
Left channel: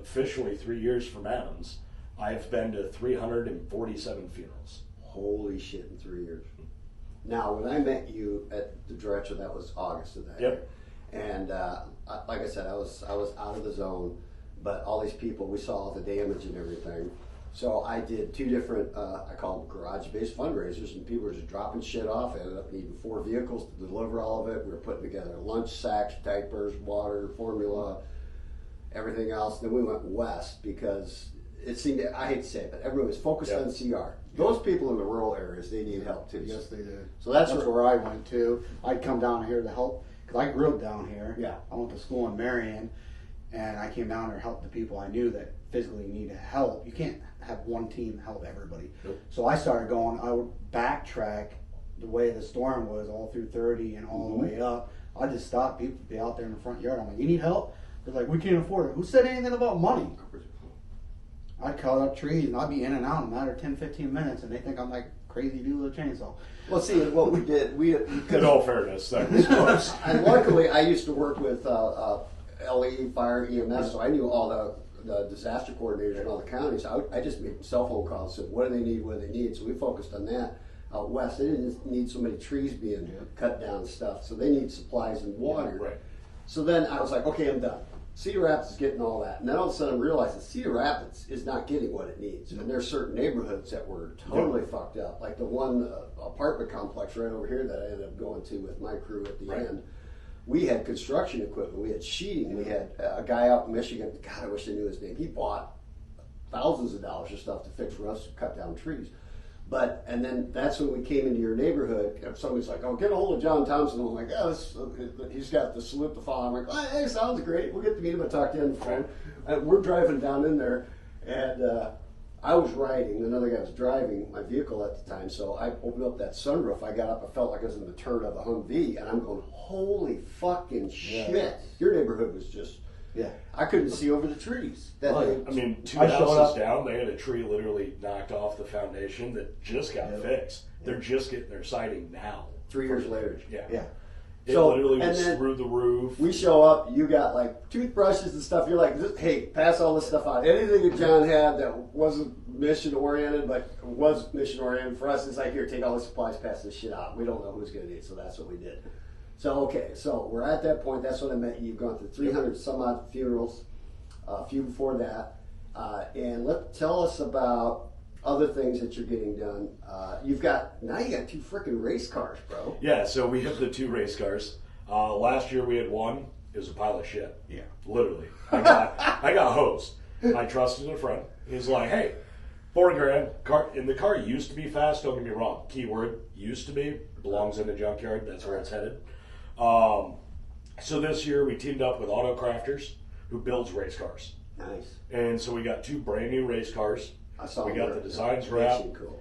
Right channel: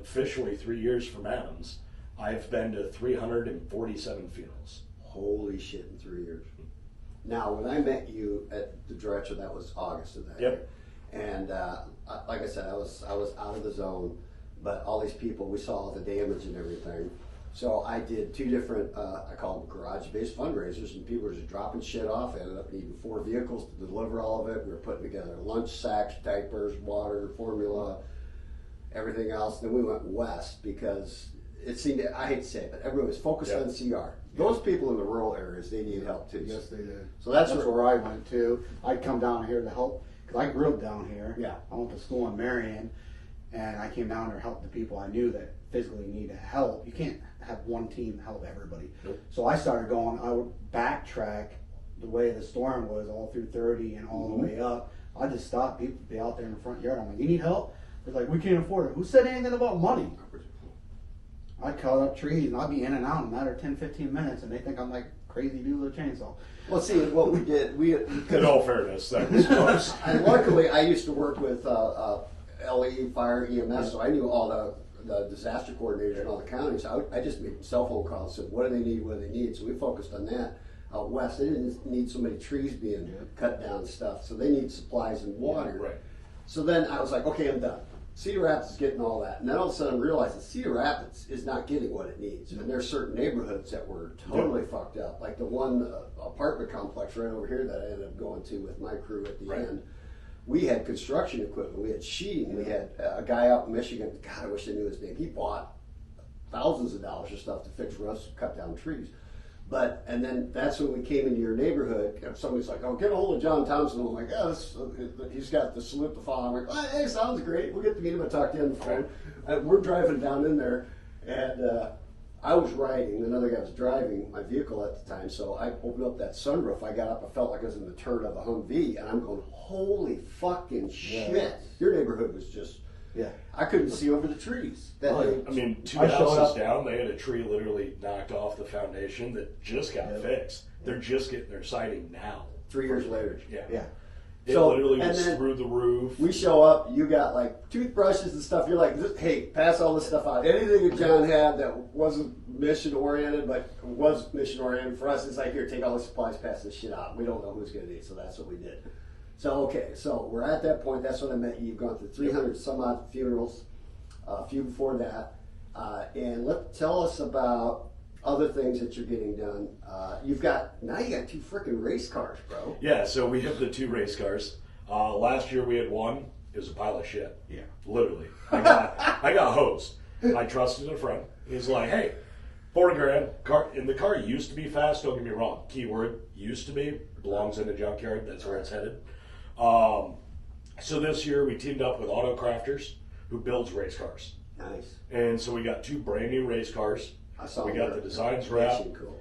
officially 3 years from Adams, I've been to 347 funerals. Holy shit, in 3 years. Now, when I met you at the director, that was August of that Yep. year. And like I said, I was out of the zone, but all these people, we saw all the damage and everything. So I did 2 different, I call them garage-based fundraisers, and people were just dropping shit off. I ended up needing 4 vehicles to deliver all of it. We were putting together lunch sacks, diapers, water, formula, everything else. Then we went west because it seemed, I hate to say it, but everyone was focused on CR. Those people in the rural areas, they need help too. Yes, they did. So that's where I went to. I'd come down here to help because I grew up down here. Yeah. I went to school in Marion, and I came down there to help the people I knew that physically needed help. You can't have one team help everybody. Nope. So I started going. I would backtrack the way the storm was all through 30 and all the way up. I just stopped people be out there in the front yard. I'm like, you need help? They're like, we can't afford it. Who said anything about money? I'd cut up trees and I'd be in and out in a matter of 10, 15 minutes, and they think I'm like crazy dude with a chainsaw. Well, see, what we did, we In all fairness, that was close. and luckily I used to work with LE, Fire, EMS, so I knew all the disaster coordinators in all the counties. I just made cell phone calls, said what do they need, what do they need, so we focused on that. Out west, they didn't need so many trees being cut down and stuff, so they need supplies and water. Right. So then I was like, okay, I'm done. Cedar Rapids is getting all that. And then all of a sudden I realized that Cedar Rapids is not getting what it needs. And there's certain neighborhoods that were totally fucked up. Like the one apartment complex right over here that I ended up going to with my crew at the end. We had construction equipment. We had sheeting. We had a guy out in Michigan. God, I wish I knew his name. He bought thousands of dollars of stuff to fix rust, cut down trees. And then that's when we came into your neighborhood. And somebody's like, "Oh, get a hold of John Thompson." I'm like, "Oh, he's got the salute to follow." I'm like, "Oh, hey, sounds great. We'll get to meet him and talk to him on the phone." And we're driving down in there, and I was riding. Another guy was driving my vehicle at the time. So I opened up that sunroof. I got up. I felt like I was in the turn of a Humvee, and I'm going, "Holy fucking shit!" Your neighborhood was just. Yeah. I couldn't see over the trees. I mean, 2 houses down, they had a tree literally knocked off the foundation that just got fixed. They're just getting their siding now. 3 years later. Yeah. It literally was through the roof. We show up, you got like toothbrushes and stuff. You're like, hey, pass all this stuff out. Anything that John had that wasn't mission oriented, but was mission oriented for us, it's like, here, take all the supplies, pass this shit out. We don't know who's going to need it, so that's what we did. So, okay, so we're at that point. That's when I met you. You've gone through 300 some odd funerals, a few before that. And tell us about other things that you're getting done. Now you got 2 freaking race cars, bro. Yeah, so we have the 2 race cars. Last year we had one. It was a pile of shit. Yeah. Literally. I got hosed. I trusted a friend. He's like, hey, $4,000. And the car used to be fast, don't get me wrong. Keyword, used to be. Belongs in a junkyard. That's where it's headed. So this year we teamed up with Auto Crafters, who builds race cars. Nice. And so we got 2 brand new race cars. We got the designs wrapped. Cool.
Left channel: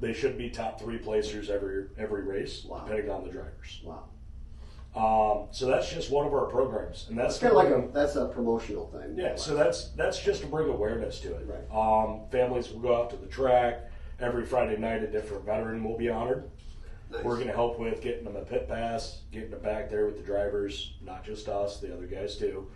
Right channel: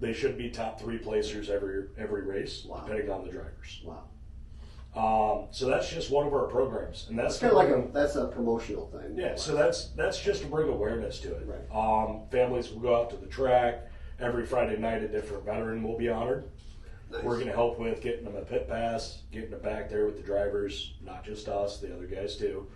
They should be top 3 placers every race, depending on the drivers. Wow. So that's just one of our programs, and that's kind of like that's a promotional thing. Yeah. So that's just to bring awareness to it. Right. Families will go out to the track every Friday night. A different veteran will be honored. Nice. We're going to help with getting them a pit pass, getting them back there with the drivers, not just us, the other guys too.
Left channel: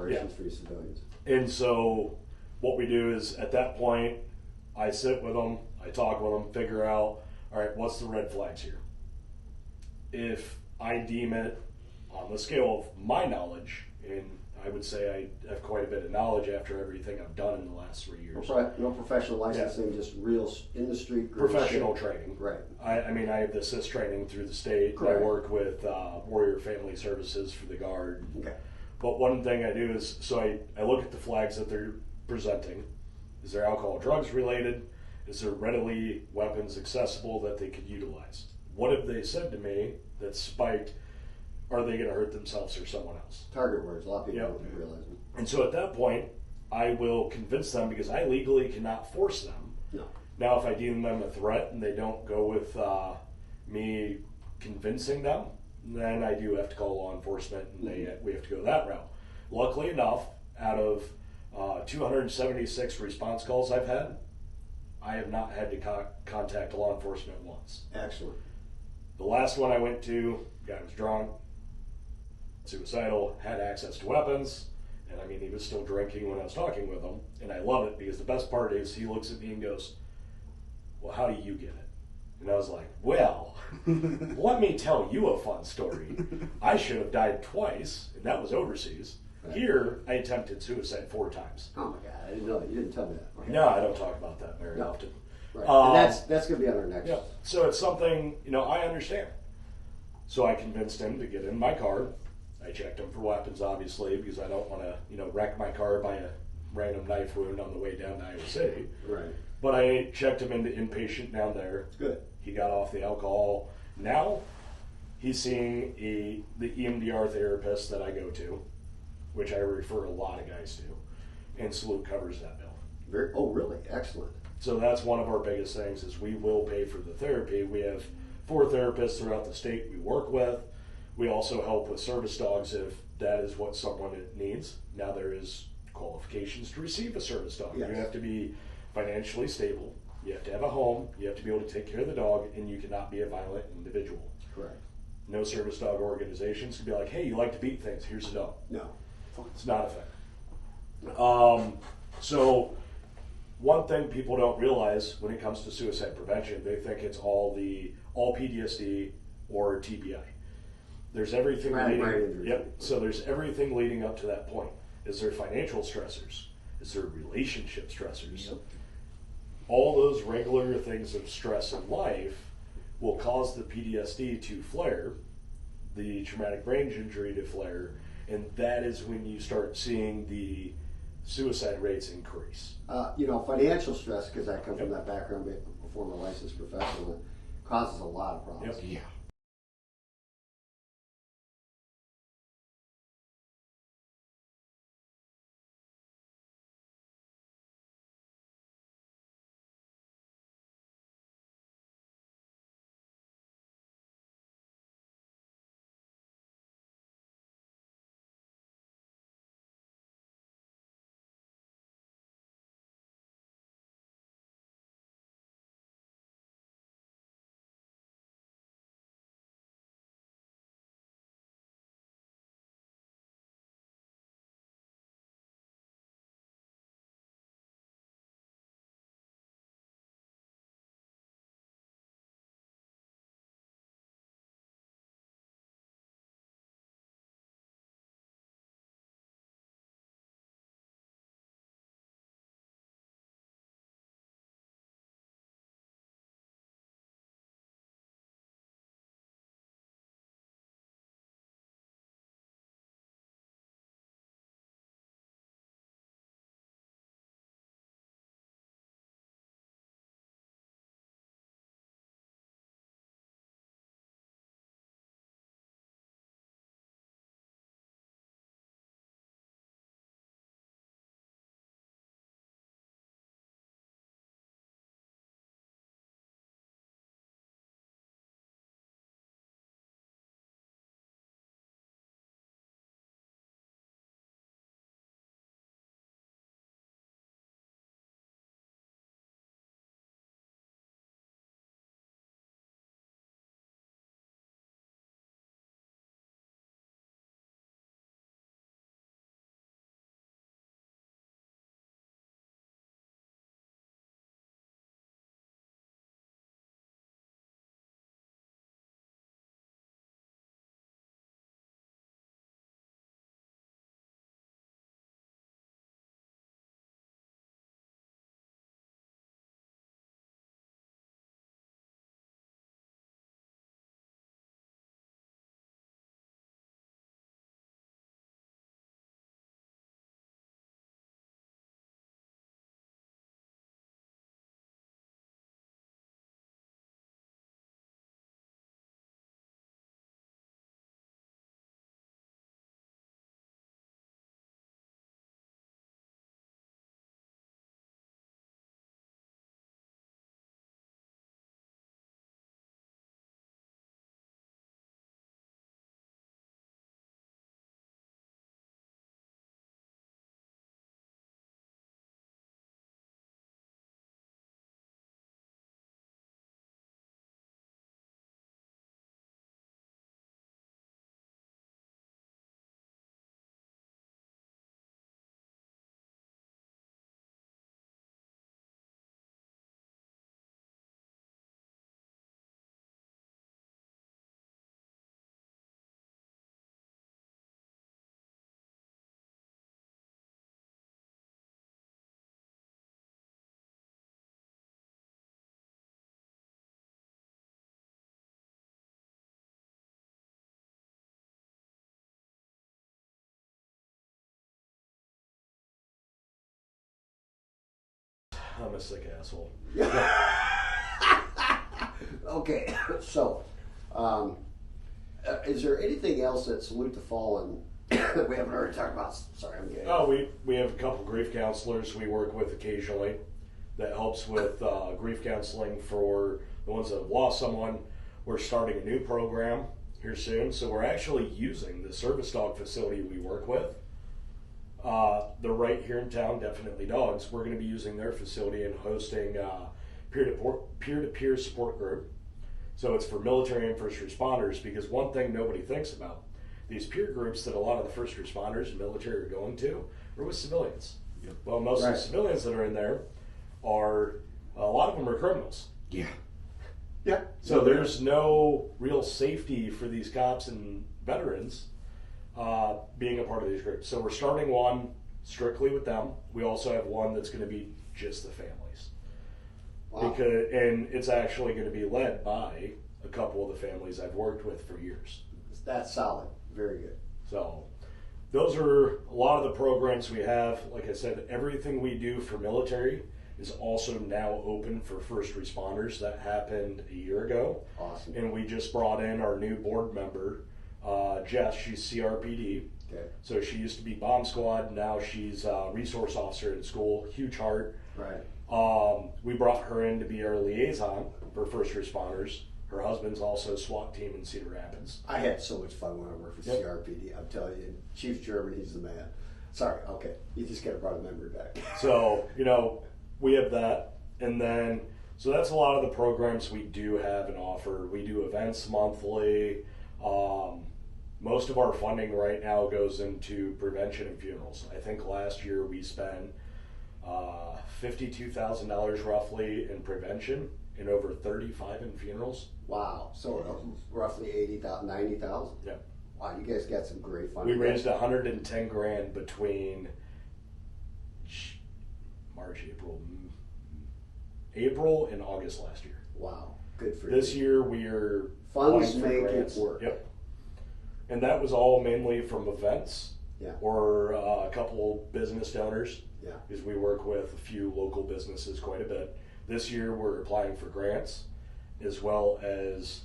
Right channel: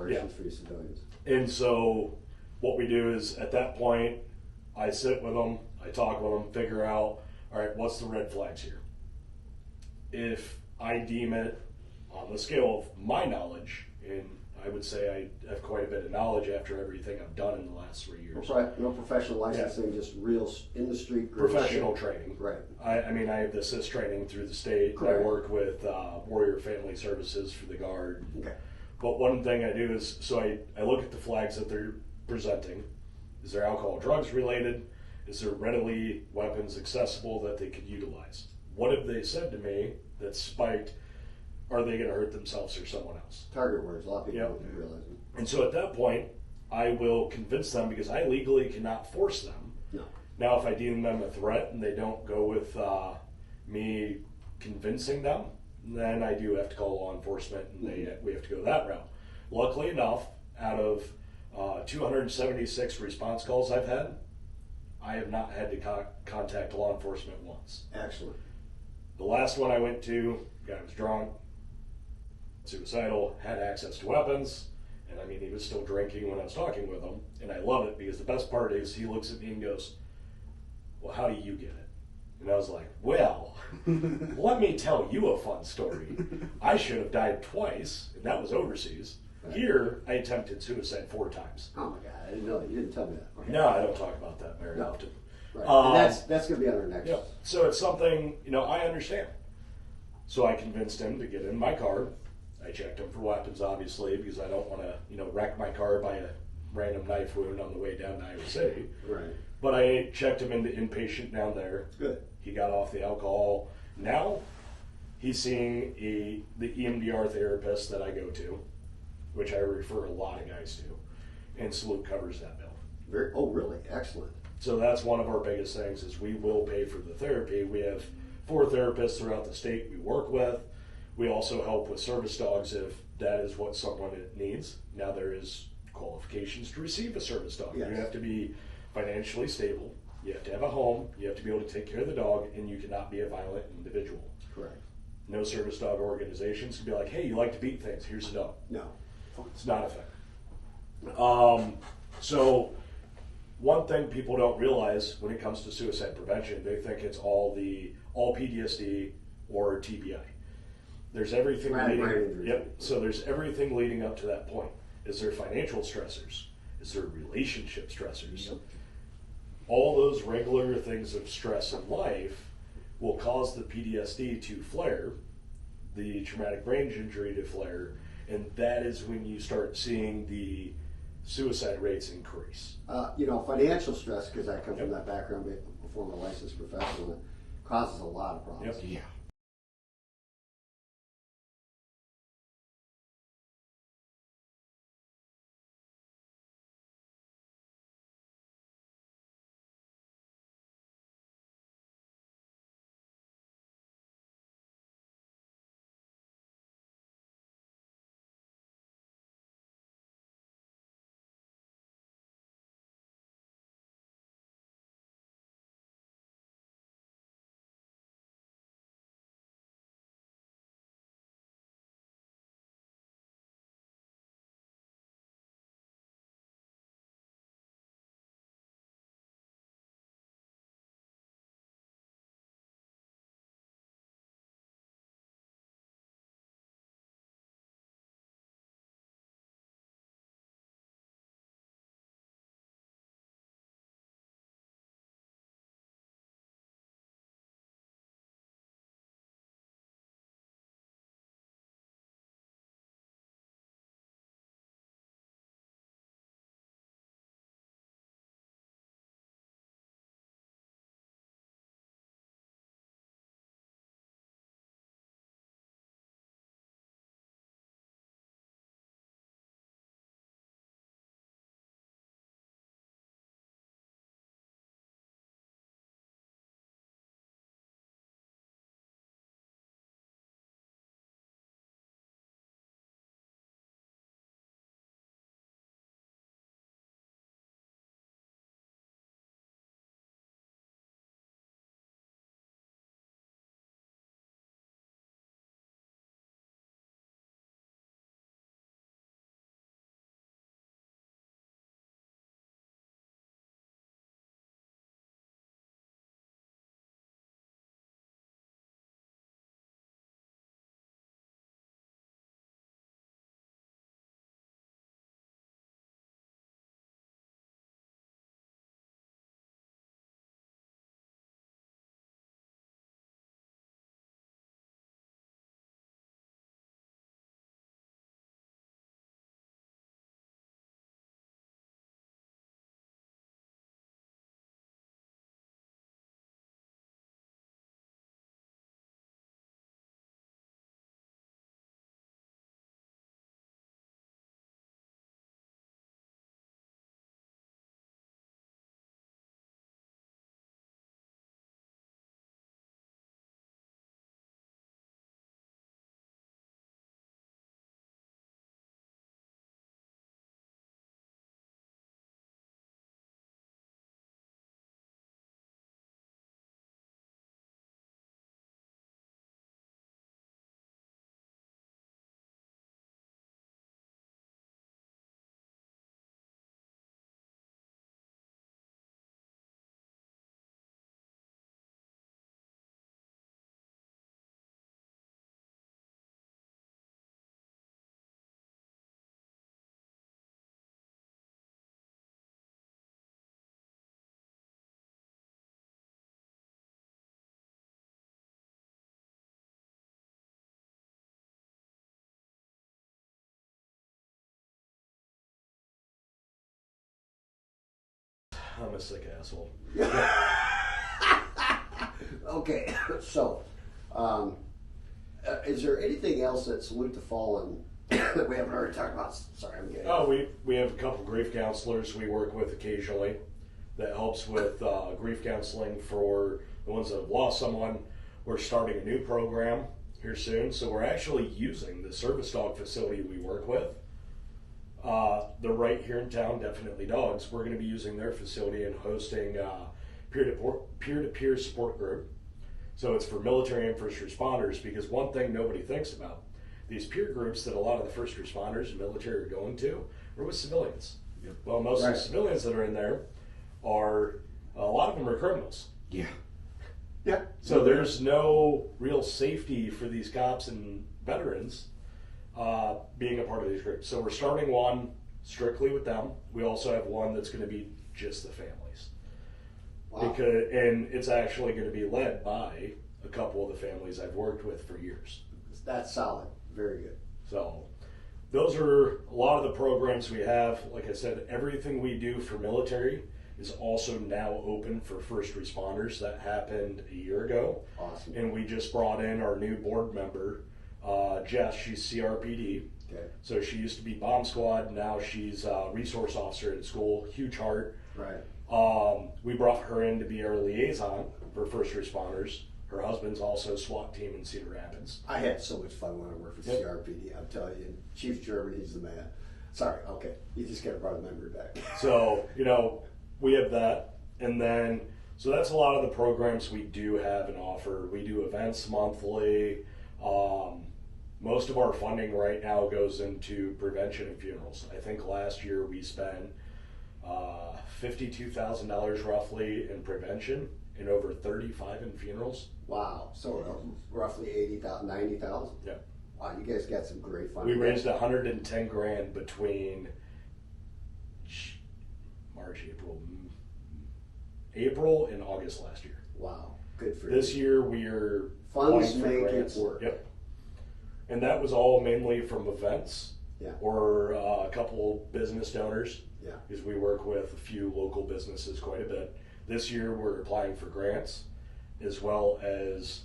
operations for you civilians. And so what we do is at that point, I sit with them, I talk with them, figure out, all right, what's the red flags here? If I deem it on the scale of my knowledge, and I would say I have quite a bit of knowledge after everything I've done in the last 3 years. No professional licensing, just real industry. Professional training. Right. I mean, I have the assist training through the state. Correct. I work with Warrior Family Services for the Guard. Okay. But one thing I do is, so I look at the flags that they're presenting. Is there alcohol, drugs related? Is there readily weapons accessible that they could utilize? What have they said to me that spiked? Are they going to hurt themselves or someone else? Target words. A lot of people don't realize it. And so at that point, I will convince them because I legally cannot force them. No. Now, if I deem them a threat and they don't go with me convincing them, then I do have to call law enforcement and we have to go that route. Luckily enough, out of 276 response calls I've had, I have not had to contact law enforcement once. Excellent. The last one I went to, guy was drunk, suicidal, had access to weapons, and I mean, he was still drinking when I was talking with him, and I love it because the best part is he looks at me and goes, well, how do you get it? And I was like, well, let me tell you a fun story. I should have died twice, and that was overseas. Right. Here, I attempted suicide 4 times. Oh my God, I didn't know that. You didn't tell me that. Okay. No, I don't talk about that very often. Right. And that's going to be on our next. Yeah. So it's something, I understand. So I convinced him to get in my car. I checked him for weapons, obviously, because I don't want to, wreck my car by a random knife wound on the way down to Iowa City. Right. But I checked him into inpatient down there. Good. He got off the alcohol. Now he's seeing the EMDR therapist that I go to, which I refer a lot of guys to, and Salute covers that bill. Oh, really? Excellent. So that's one of our biggest things is we will pay for the therapy. We have 4 therapists throughout the state we work with. We also help with service dogs if that is what someone needs. Now there is qualifications to receive a service dog. Yes. You have to be financially stable. You have to have a home. You have to be able to take care of the dog, and you cannot be a violent individual. Correct. No service dog organizations can be like, hey, you like to beat things. Here's a dog. No. It's not effective. So one thing people don't realize when it comes to suicide prevention, they think it's all PTSD or TBI. There's everything leading. Yep. So there's everything leading up to that point. Is there financial stressors? Is there relationship stressors? Yep. All those regular things of stress in life will cause the PTSD to flare, the traumatic brain injury to flare, and that is when you start seeing the suicide rates increase. Financial stress, because I come from that background, before my licensed professional, causes a lot of problems. Yep. Yeah. I'm a sick asshole. Okay, so is there anything else that Salute the Fallen we haven't already talked about? Sorry, I'm getting. Oh, we have a couple grief counselors we work with occasionally that helps with grief counseling for the ones that have lost someone. We're starting a new program here soon, so we're actually using the service dog facility we work with. They're right here in town, Definitely Dogs. We're going to be using their facility and hosting peer-to-peer support group. So it's for military and first responders, because one thing nobody thinks about, these peer groups that a lot of the first responders and military are going to are with civilians. Yep. Well, most of the civilians that are in there are, a lot of them are criminals. Yeah. Yeah. So there's no real safety for these cops and veterans being a part of these groups. So we're starting one strictly with them. We also have one that's going to be just the families. Wow. And it's actually going to be led by a couple of the families I've worked with for years. That's solid. Very good. So those are a lot of the programs we have. Like I said, everything we do for military is also now open for first responders. That happened a year ago. Awesome. And we just brought in our new board member, Jess. She's CRPD. Okay. So she used to be bomb squad. Now she's a resource officer at school. Huge heart. Right. We brought her in to be our liaison for first responders. Her husband's also SWAT team in Cedar Rapids. I had so much fun when I worked for CRPD. I'm telling you, Chief German, he's the man. Sorry. Okay. You just got to bring the memory back. So, we have that. And then, so that's a lot of the programs we do have and offer. We do events monthly. Most of our funding right now goes into prevention and funerals. I think last year we spent $52,000 roughly in prevention and over 35 in funerals. Wow. So roughly 80,000, 90,000. Yeah. Wow, you guys got some great funding. We raised $110,000 between April and August last year. Wow. Good for you. This year we are funds applying for make grants. it work. Yep. And that was all mainly from events. Yeah. Or a couple business donors. Yeah. Because we work with a few local businesses quite a bit. This year we're applying for grants, as well as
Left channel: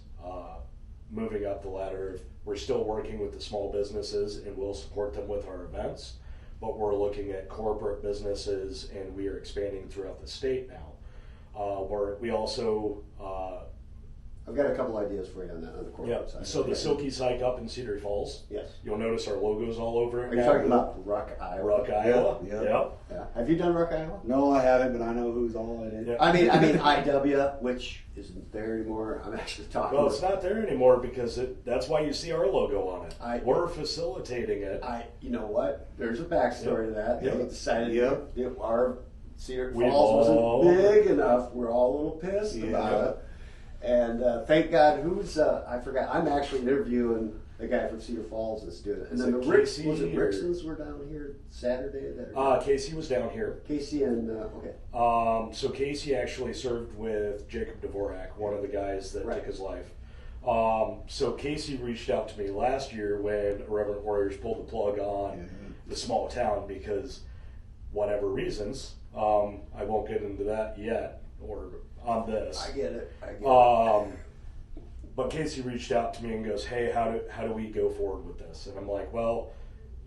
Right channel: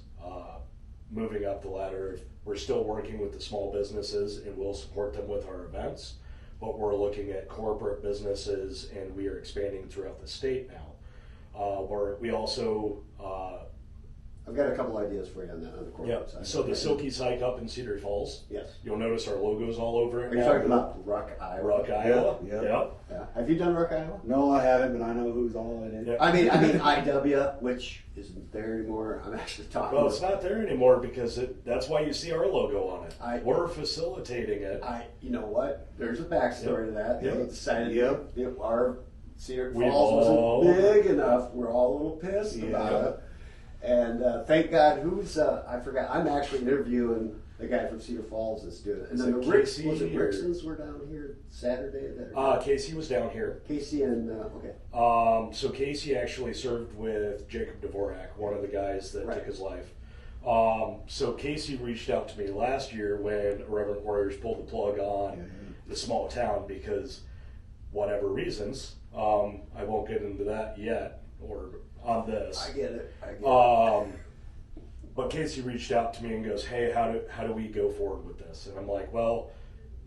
moving up the ladder. We're still working with the small businesses and we'll support them with our events, but we're looking at corporate businesses and we are expanding throughout the state now. Where we also I've got a couple ideas for you on that on the corporate side. So the Silky Psych up in Cedar Falls. Yes. You'll notice our logos all over it. Are you talking about Ruck, Iowa? Ruck, Iowa. Yeah. Yeah. Have you done Ruck, Iowa? No, I haven't, but I know who's all it is. Yeah. I mean IW, which isn't there anymore. I'm actually talking. Well, it's not there anymore because that's why you see our logo on it. We're facilitating it. You know what? There's a backstory to that. They decided our Cedar We Falls wasn't all- big enough. We're all a little pissed about it. And thank God, I forgot. I'm actually interviewing the guy from Cedar Falls that's doing it. And then the Casey was it or- Rixons were down here Saturday? Casey was down here. Casey and, okay. So Casey actually served with Jacob Dvorak, one of the guys that took his life. So Casey reached out to me last year when Irreverent Warriors pulled the plug on the small town because whatever reasons, I won't get into that yet or on this. I get it. But Casey reached out to me and goes, hey, how do we go forward with this? And I'm like, well,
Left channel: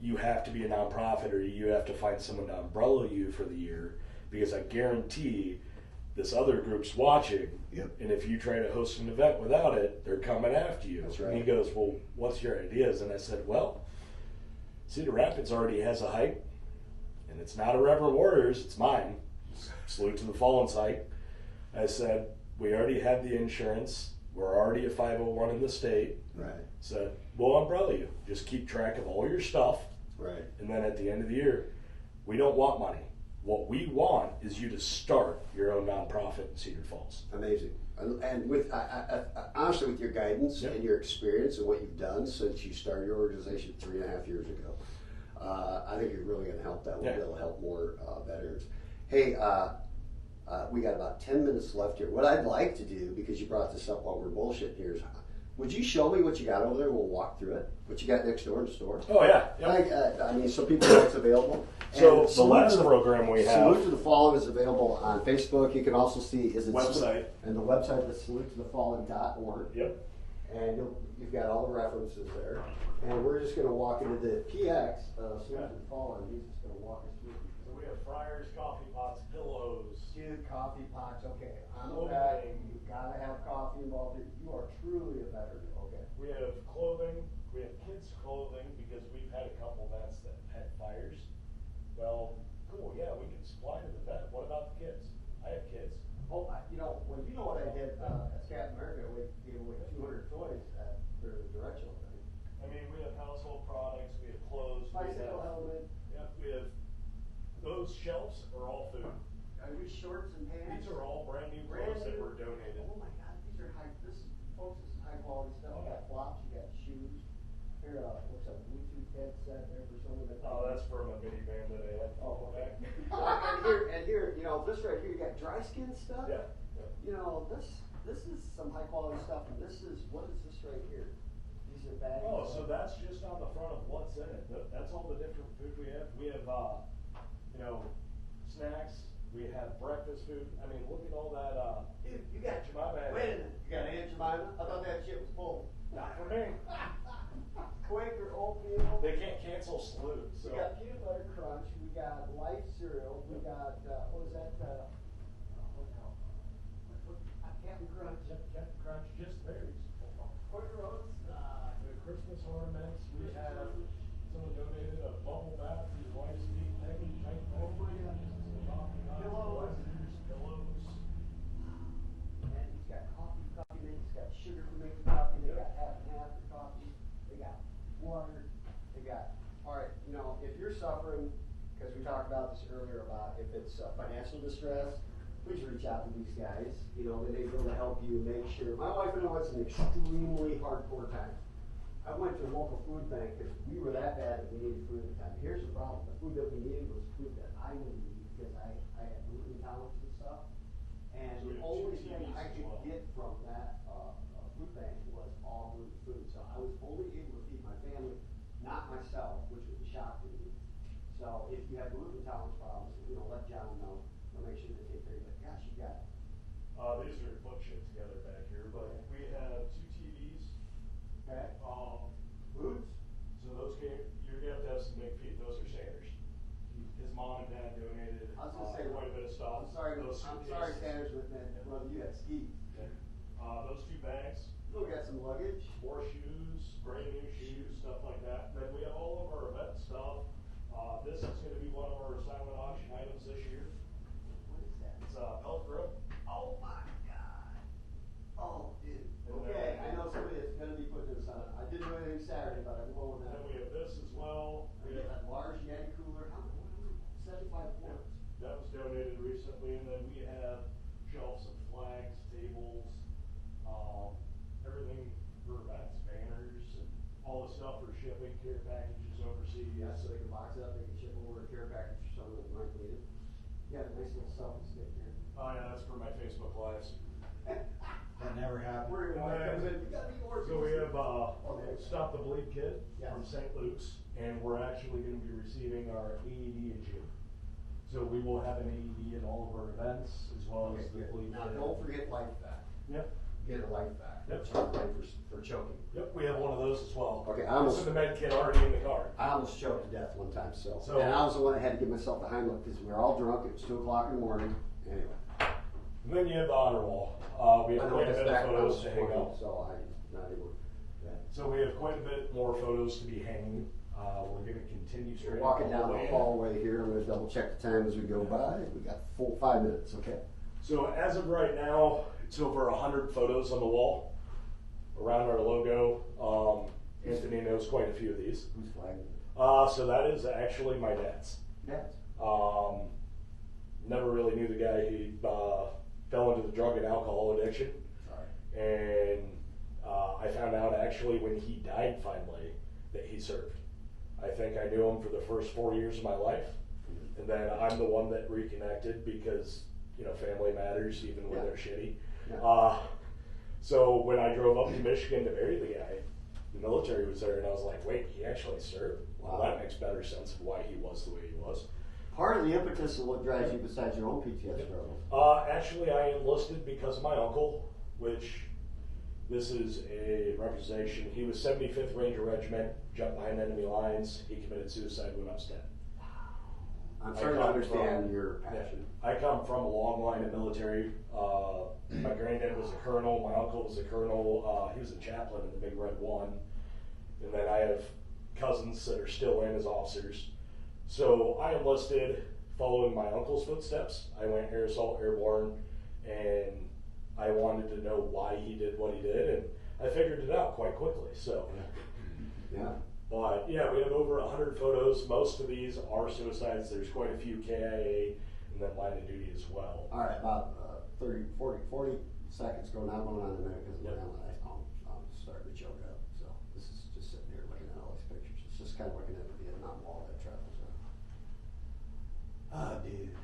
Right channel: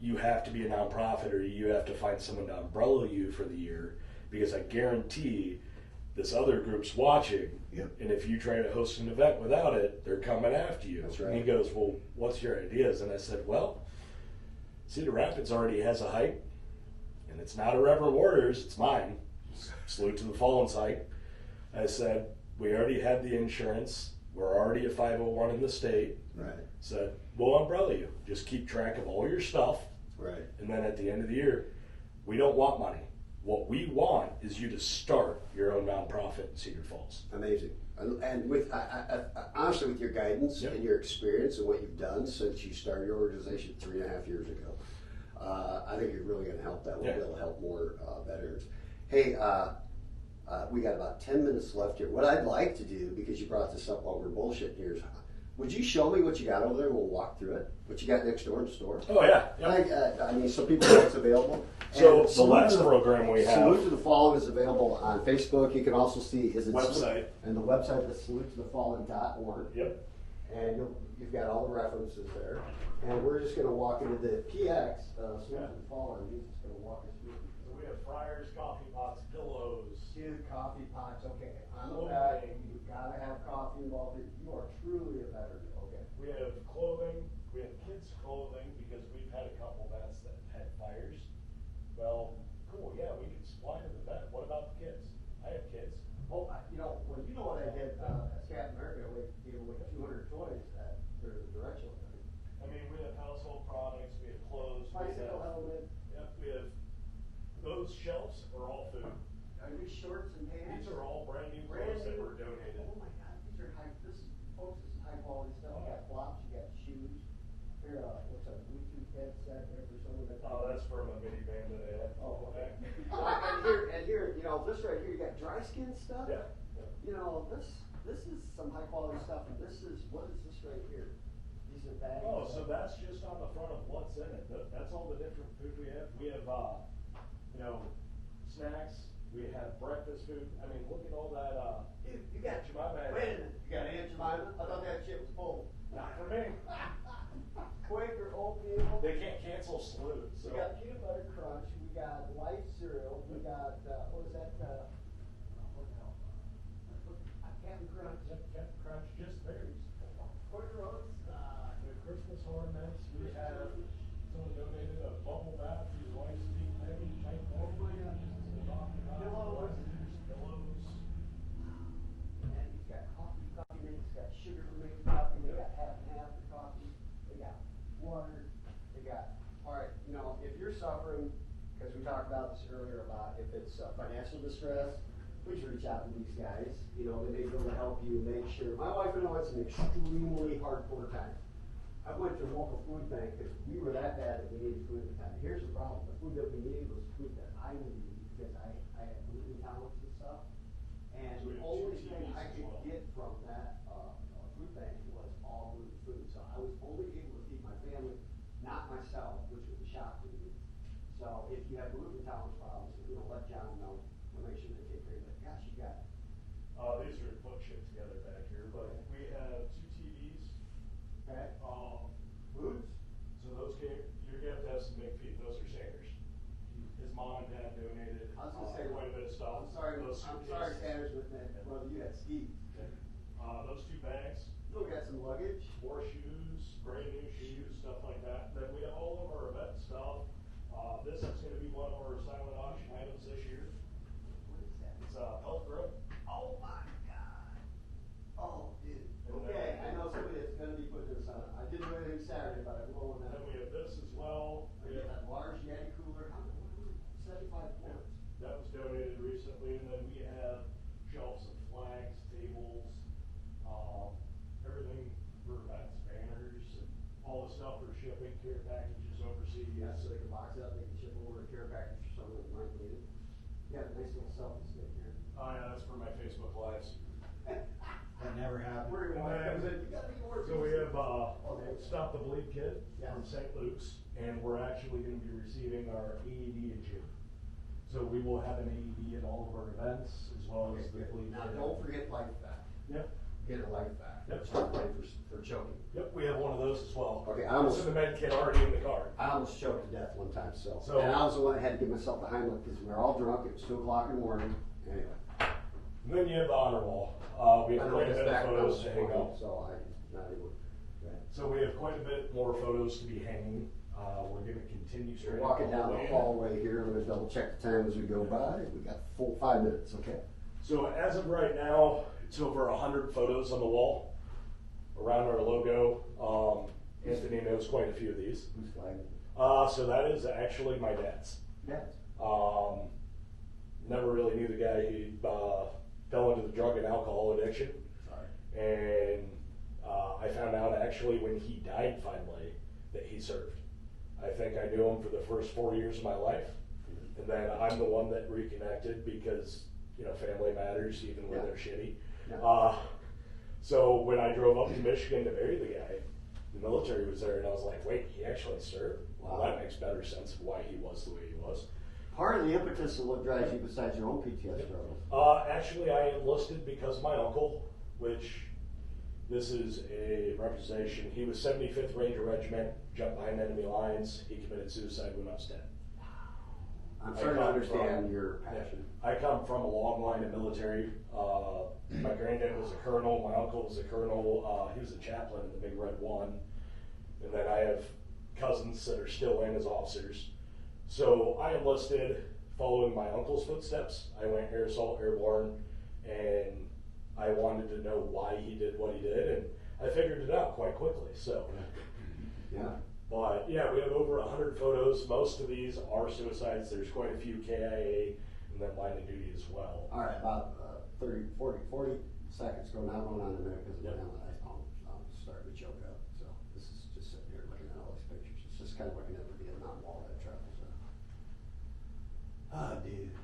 you have to be a nonprofit or you have to find someone to umbrella you for the year because I guarantee this other group's watching. Yep. And if you try to host an event without it, they're coming after you. That's right. And he goes, well, what's your ideas? And I said, well, Cedar Rapids already has a hike and it's not Irreverent Warriors, it's mine. Salute to the Fallen site. I said, we already have the insurance. We're already a 501 in the state. Right. Said, we'll umbrella you. Just keep track of all your stuff. Right. And then at the end of the year, we don't want money. What we want is you to start your own nonprofit in Cedar Falls. Amazing. And with honestly, with your guidance and your experience and what you've done since you started your organization 3.5 years ago, I think you're really going to help that. We'll be able to help more veterans. Hey, we got about 10 minutes left here. What I'd like to do, because you brought this up while we're bullshitting here, is Would you show me what you got over there? We'll walk through it. What you got next door in the store? Oh yeah. I mean, so people know it's available. So And the last program we have. Salute to the Fallen is available on Facebook. You can also see Website. And the website is salutetothefallen.org. Yep. And you've got all the references there. And we're just going to walk into the PX, Salute to the Fallen. He's just going to walk us through. So we have fryers, coffee pots, pillows. Dude, coffee pots, okay. I'm a guy, you've got to have coffee involved. You are truly a veteran, okay. We have clothing. We have kids' clothing because we've had a couple vets that had fires. Well, cool, yeah, we can supply to the vet. What about the kids? I have kids. Oh, you know what I did at Captain America, we gave away 200 toys at their directional. I mean, we have household products, we have clothes, Bicycle element. we have, those shelves are all food. Are these shorts and pants? These are all brand new clothes that were donated. Oh my God, these are folks, this is high quality stuff. You got flops, you got shoes. Here, what's a Bluetooth headset there for someone that. Oh, that's from a minivan that I had. Oh, okay. and here, you know, this right here, you got dry skin stuff. Yeah. You know, this is some high quality stuff, and this is, what is this right here? These are bags. Oh, so that's just on the front of what's in it. That's all the different food we have. We have, snacks. We have breakfast food. I mean, look at all that. You got Jemima. Wait a minute. You got Aunt Jemima? I thought that shit was full. Not for me. Quaker oatmeal. They can't cancel Salute. So. We got peanut butter crunch. We got light cereal. We got what was that? Captain Crunch. Captain Crunch, just berries. Quaker oats. The Christmas ornaments. We have someone donated a bubble bath for your wife's feet. Maybe night pillows. Pillows. Pillows. And he's got coffee mix. He's got sugar to make coffee. They got half and half for coffee. They got water. They got. All right. You know, if you're suffering, because we talked about this earlier about if it's financial distress, please reach out to these guys. You know, they may be able to help you make sure. My wife and I was an extremely hardcore time. I went to a local food bank because we were that bad that we needed food at the time. Here's the problem: the food that we needed was food that I needed because I had gluten intolerance and stuff. And the only thing I could get from that food bank was all gluten food. So I was only able to feed my family, not myself, which was a shock to me. So if you have gluten intolerance problems, let John know. We'll make sure they take care of it. Gosh, you got it. These are put shit together back here, but we have 2 TVs. Okay. Foods. So those you're gonna have to have some big feet. Those are Sanders. His mom and dad donated. I was gonna say quite a bit of stuff. I'm sorry, Sanders, but brother, you had skis. Okay. Those 2 bags. We got some luggage. More shoes, brand new shoes, stuff like that. Then we have all of our event stuff. This is going to be one of our silent auction items this year. What is that? It's a elk grill. Oh my God. Oh, dude. Okay, I know somebody that's going to be putting this on. I didn't do anything Saturday, but I'm going And now. we have this as well. We got that large Yeti cooler. 75 pounds. That was donated recently, and then we have shelves of flags, tables, everything for events, banners, and all the stuff for shipping, care packages overseas. Yeah, so they can box it up, they can ship over a care package for someone that might need it. Yeah, nice little selfie stick here. Oh yeah, that's for my Facebook Lives. That never happened. We're gonna comes in. You gotta be more. So we have Stop the Bleed kit Yeah. from St. Luke's, and we're actually going to be receiving our AED in June. So we will have an AED at all of our events, as well as the bleed Now, kit. don't forget life back. Yep. Get a life back. Yep. For choking. Yep, we have one of those as well. Okay, It's in the med kit already in the car. I almost choked to death one time, so. So- And I was the one that had to give myself the Heimlich because we were all drunk. It was 2 o'clock in the morning. Anyway. And then you have the honor wall. We have quite a bit of photos to hang up. So I not able. So we have quite a bit more photos to be hanging. We're going to continue We're straight walking up down the the way. hallway here. I'm gonna double check the time as we go by. We got full 5 minutes, okay? So as of right now, it's over 100 photos on the wall around our logo. Anthony knows quite a few of these. Who's flagging? So that is actually my dad's. Yes. Never really knew the guy. He fell into the drug and alcohol addiction. Sorry. And I found out actually when he died finally that he served. I think I knew him for the first 4 years of my life. And then I'm the one that reconnected because, family matters even when Yeah. they're shitty. Yeah. So when I drove up to Michigan to marry the guy, the military was there, and I was like, wait, he actually served? Well, that makes better sense of why he was the way he was. Part of the impetus of what drives you besides your own PTSD struggles? Actually, I enlisted because of my uncle, which this is a representation. He was 75th Ranger Regiment, jumped behind enemy lines. He committed suicide when I was 10. I'm starting to understand your passion. I come from a long line of military. My granddad was a colonel. My uncle was a colonel. He was a chaplain at the Big Red One. And then I have cousins that are still in as officers. So I enlisted following my uncle's footsteps. I went air assault airborne, and I wanted to know why he did what he did, and I figured it out quite quickly. So, yeah. But yeah, we have over 100 photos. Most of these are suicides. There's quite a few KIA and then line of duty as well. All right, about 40 seconds going on in a minute because I'm starting to choke up. So this is just sitting here looking at all these pictures. It's just kind of looking at the Vietnam Wall that travels on. Oh, dude.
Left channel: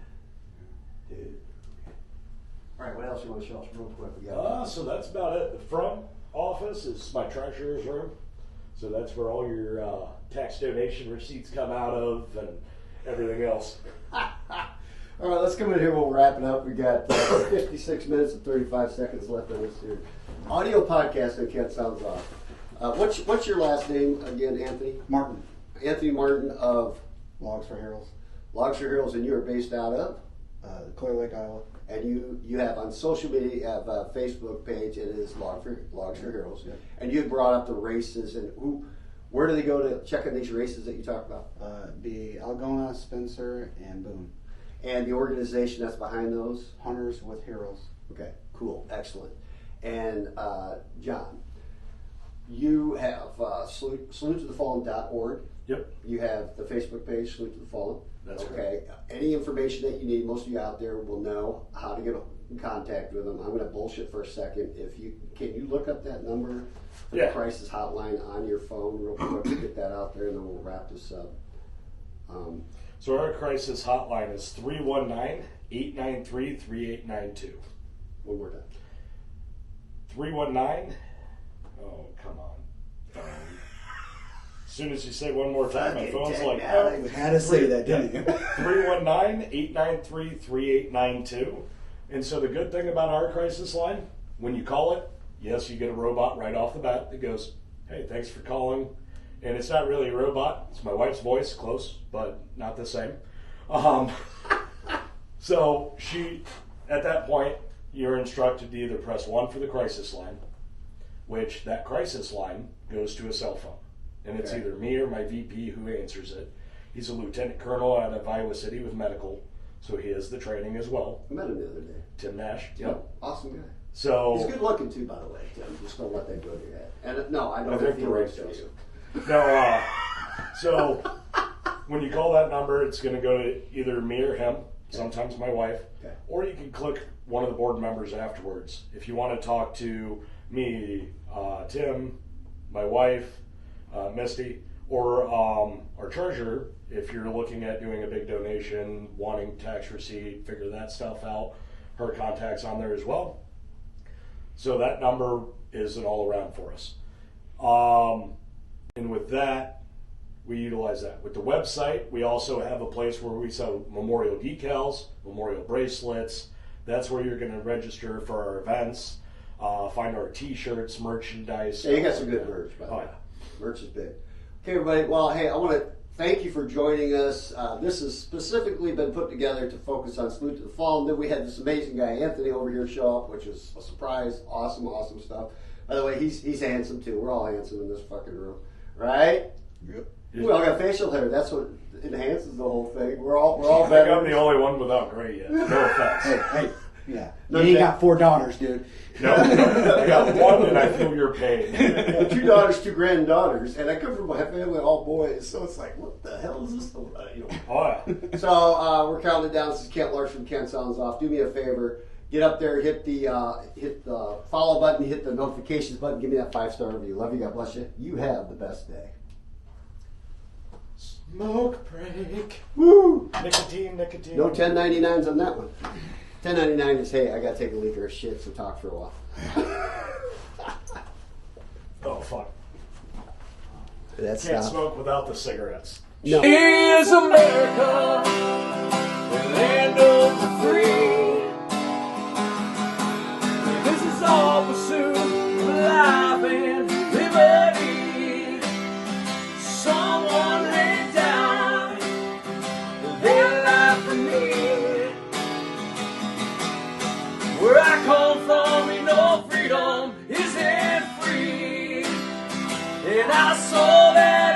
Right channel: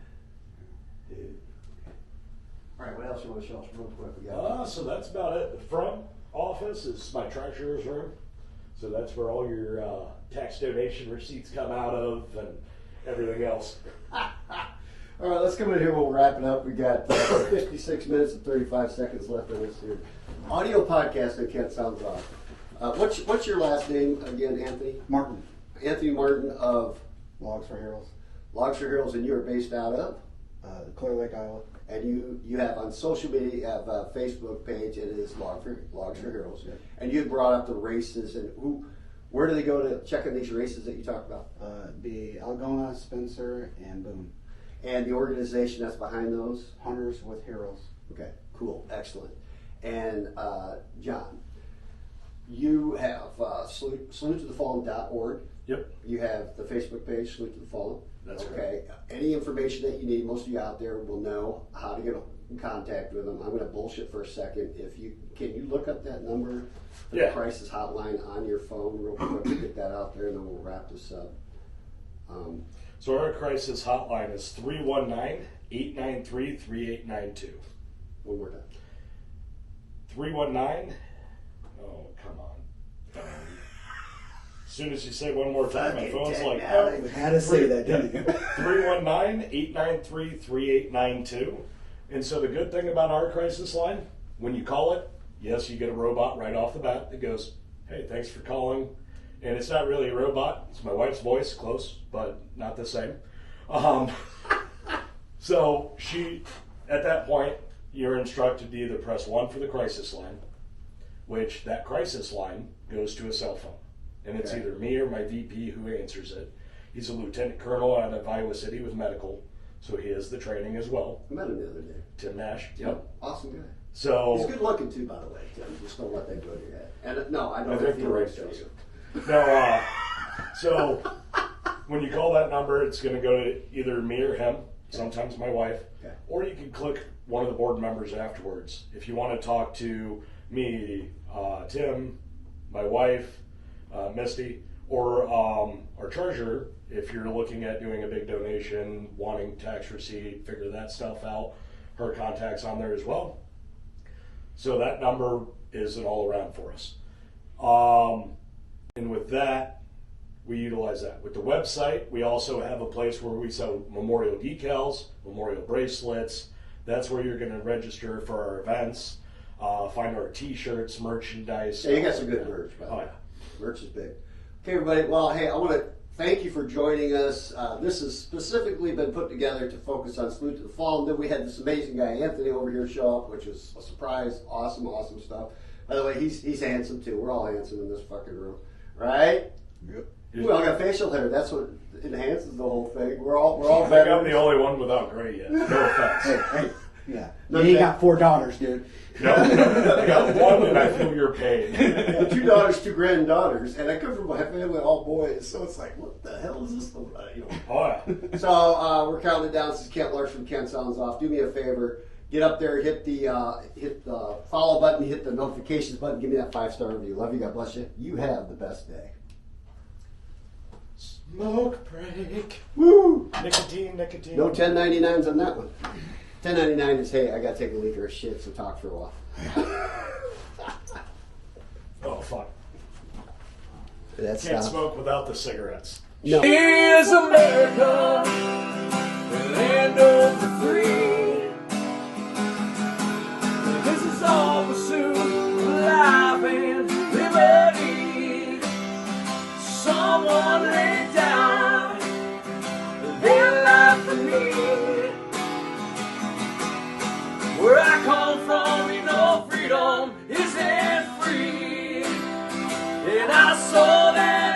All right, what else you want to show us real quick? So that's about it. The front office is my treasurer's room. So that's where all your tax donation receipts come out of and everything else. All right, let's come in here. We'll wrap it up. We got 56 minutes and 35 seconds left of this here. Audio podcast that Kent Sounds Off. What's your last name again, Anthony? Martin. Anthony Martin of Logs for Heroes. Logs for Heroes, and you are based out of? Clear Lake, Iowa. And you have on social media, you have a Facebook page, and it is Logs for Heroes. Yeah. And you brought up the races, and where do they go to check on these races that you talked about? The Algona, Spencer, and Boone. And the organization that's behind those? Hunters with Heroes. Okay, cool, excellent. And John, you have salutetothefallen.org. Yep. You have the Facebook page, Salute to the Fallen. That's okay. Any information that you need, most of you out there will know how to get in contact with them. I'm going to bullshit for a second. Can you look up that number for the crisis hotline on your phone real quick to get that out there, and then we'll wrap this up. So our crisis hotline is 319-893-3892. One more time. 319. Oh, come on. As soon as you say one more time, my phone's like, You gotta say that, didn't you? 319-893-3892. And so the good thing about our crisis line, when you call it, yes, you get a robot right off the bat that goes, hey, thanks for calling. And it's not really a robot. It's my wife's voice, close, but not the same. So at that point, you're instructed to either press 1 for the crisis line, which that crisis line goes to a cell phone. And it's either me or my VP who answers it. He's a lieutenant colonel out of Iowa City with medical, so he has the training as well. I met him the other day. Tim Nash. Yep. Awesome guy. So he's good looking too, by the way, Tim. Just don't let that go to your head. And no, I don't think feel the right race to does. you. No, so when you call that number, it's going to go to either me or him, sometimes my wife, or you can click one of the board members afterwards. If you want to talk to me, Tim, my wife, Misty, or our treasurer, if you're looking at doing a big donation, wanting tax receipt, figure that stuff out, her contact's on there as well. So that number is an all-around for us. And with that, we utilize that. With the website, we also have a place where we sell memorial decals, memorial bracelets. That's where you're going to register for our events, find our t-shirts, merchandise. Yeah, you got some good merch, by the way. Merch is big. Okay, everybody. Well, hey, I want to thank you for joining us. This has specifically been put together to focus on Salute to the Fallen. Then we had this amazing guy, Anthony, over here show up, which was a surprise. Awesome stuff. By the way, he's handsome, too. We're all handsome in this fucking room. Right? Yep. We all got facial hair. That's what enhances the whole thing. We're all I think I'm the only one without gray yet. No offense. Hey. Yeah. You got 4 daughters, dude. No, I got 1 and I feel your pain. 2 daughters, 2 granddaughters, and I come from a family of all boys, so it's like, what the hell is this? So we're counting down. This is Kent Larson from Kent Sounds Off. Do me a favor. Get up there, hit the follow button, hit the notifications button, give me that 5-star review. Love you, God bless you. You have the best day. Smoke break. Woo! Nicotine. No 1099s on that one. 1099 is, hey, I got to take a leak or a shit, so talk for a while. Oh, fuck. That's Can't stop. smoke without the cigarettes. No. Here's America, the land of the free. This is all pursuit of life and liberty. Someone laid down their life for me. Where I come from, you know, freedom isn't free. And I saw that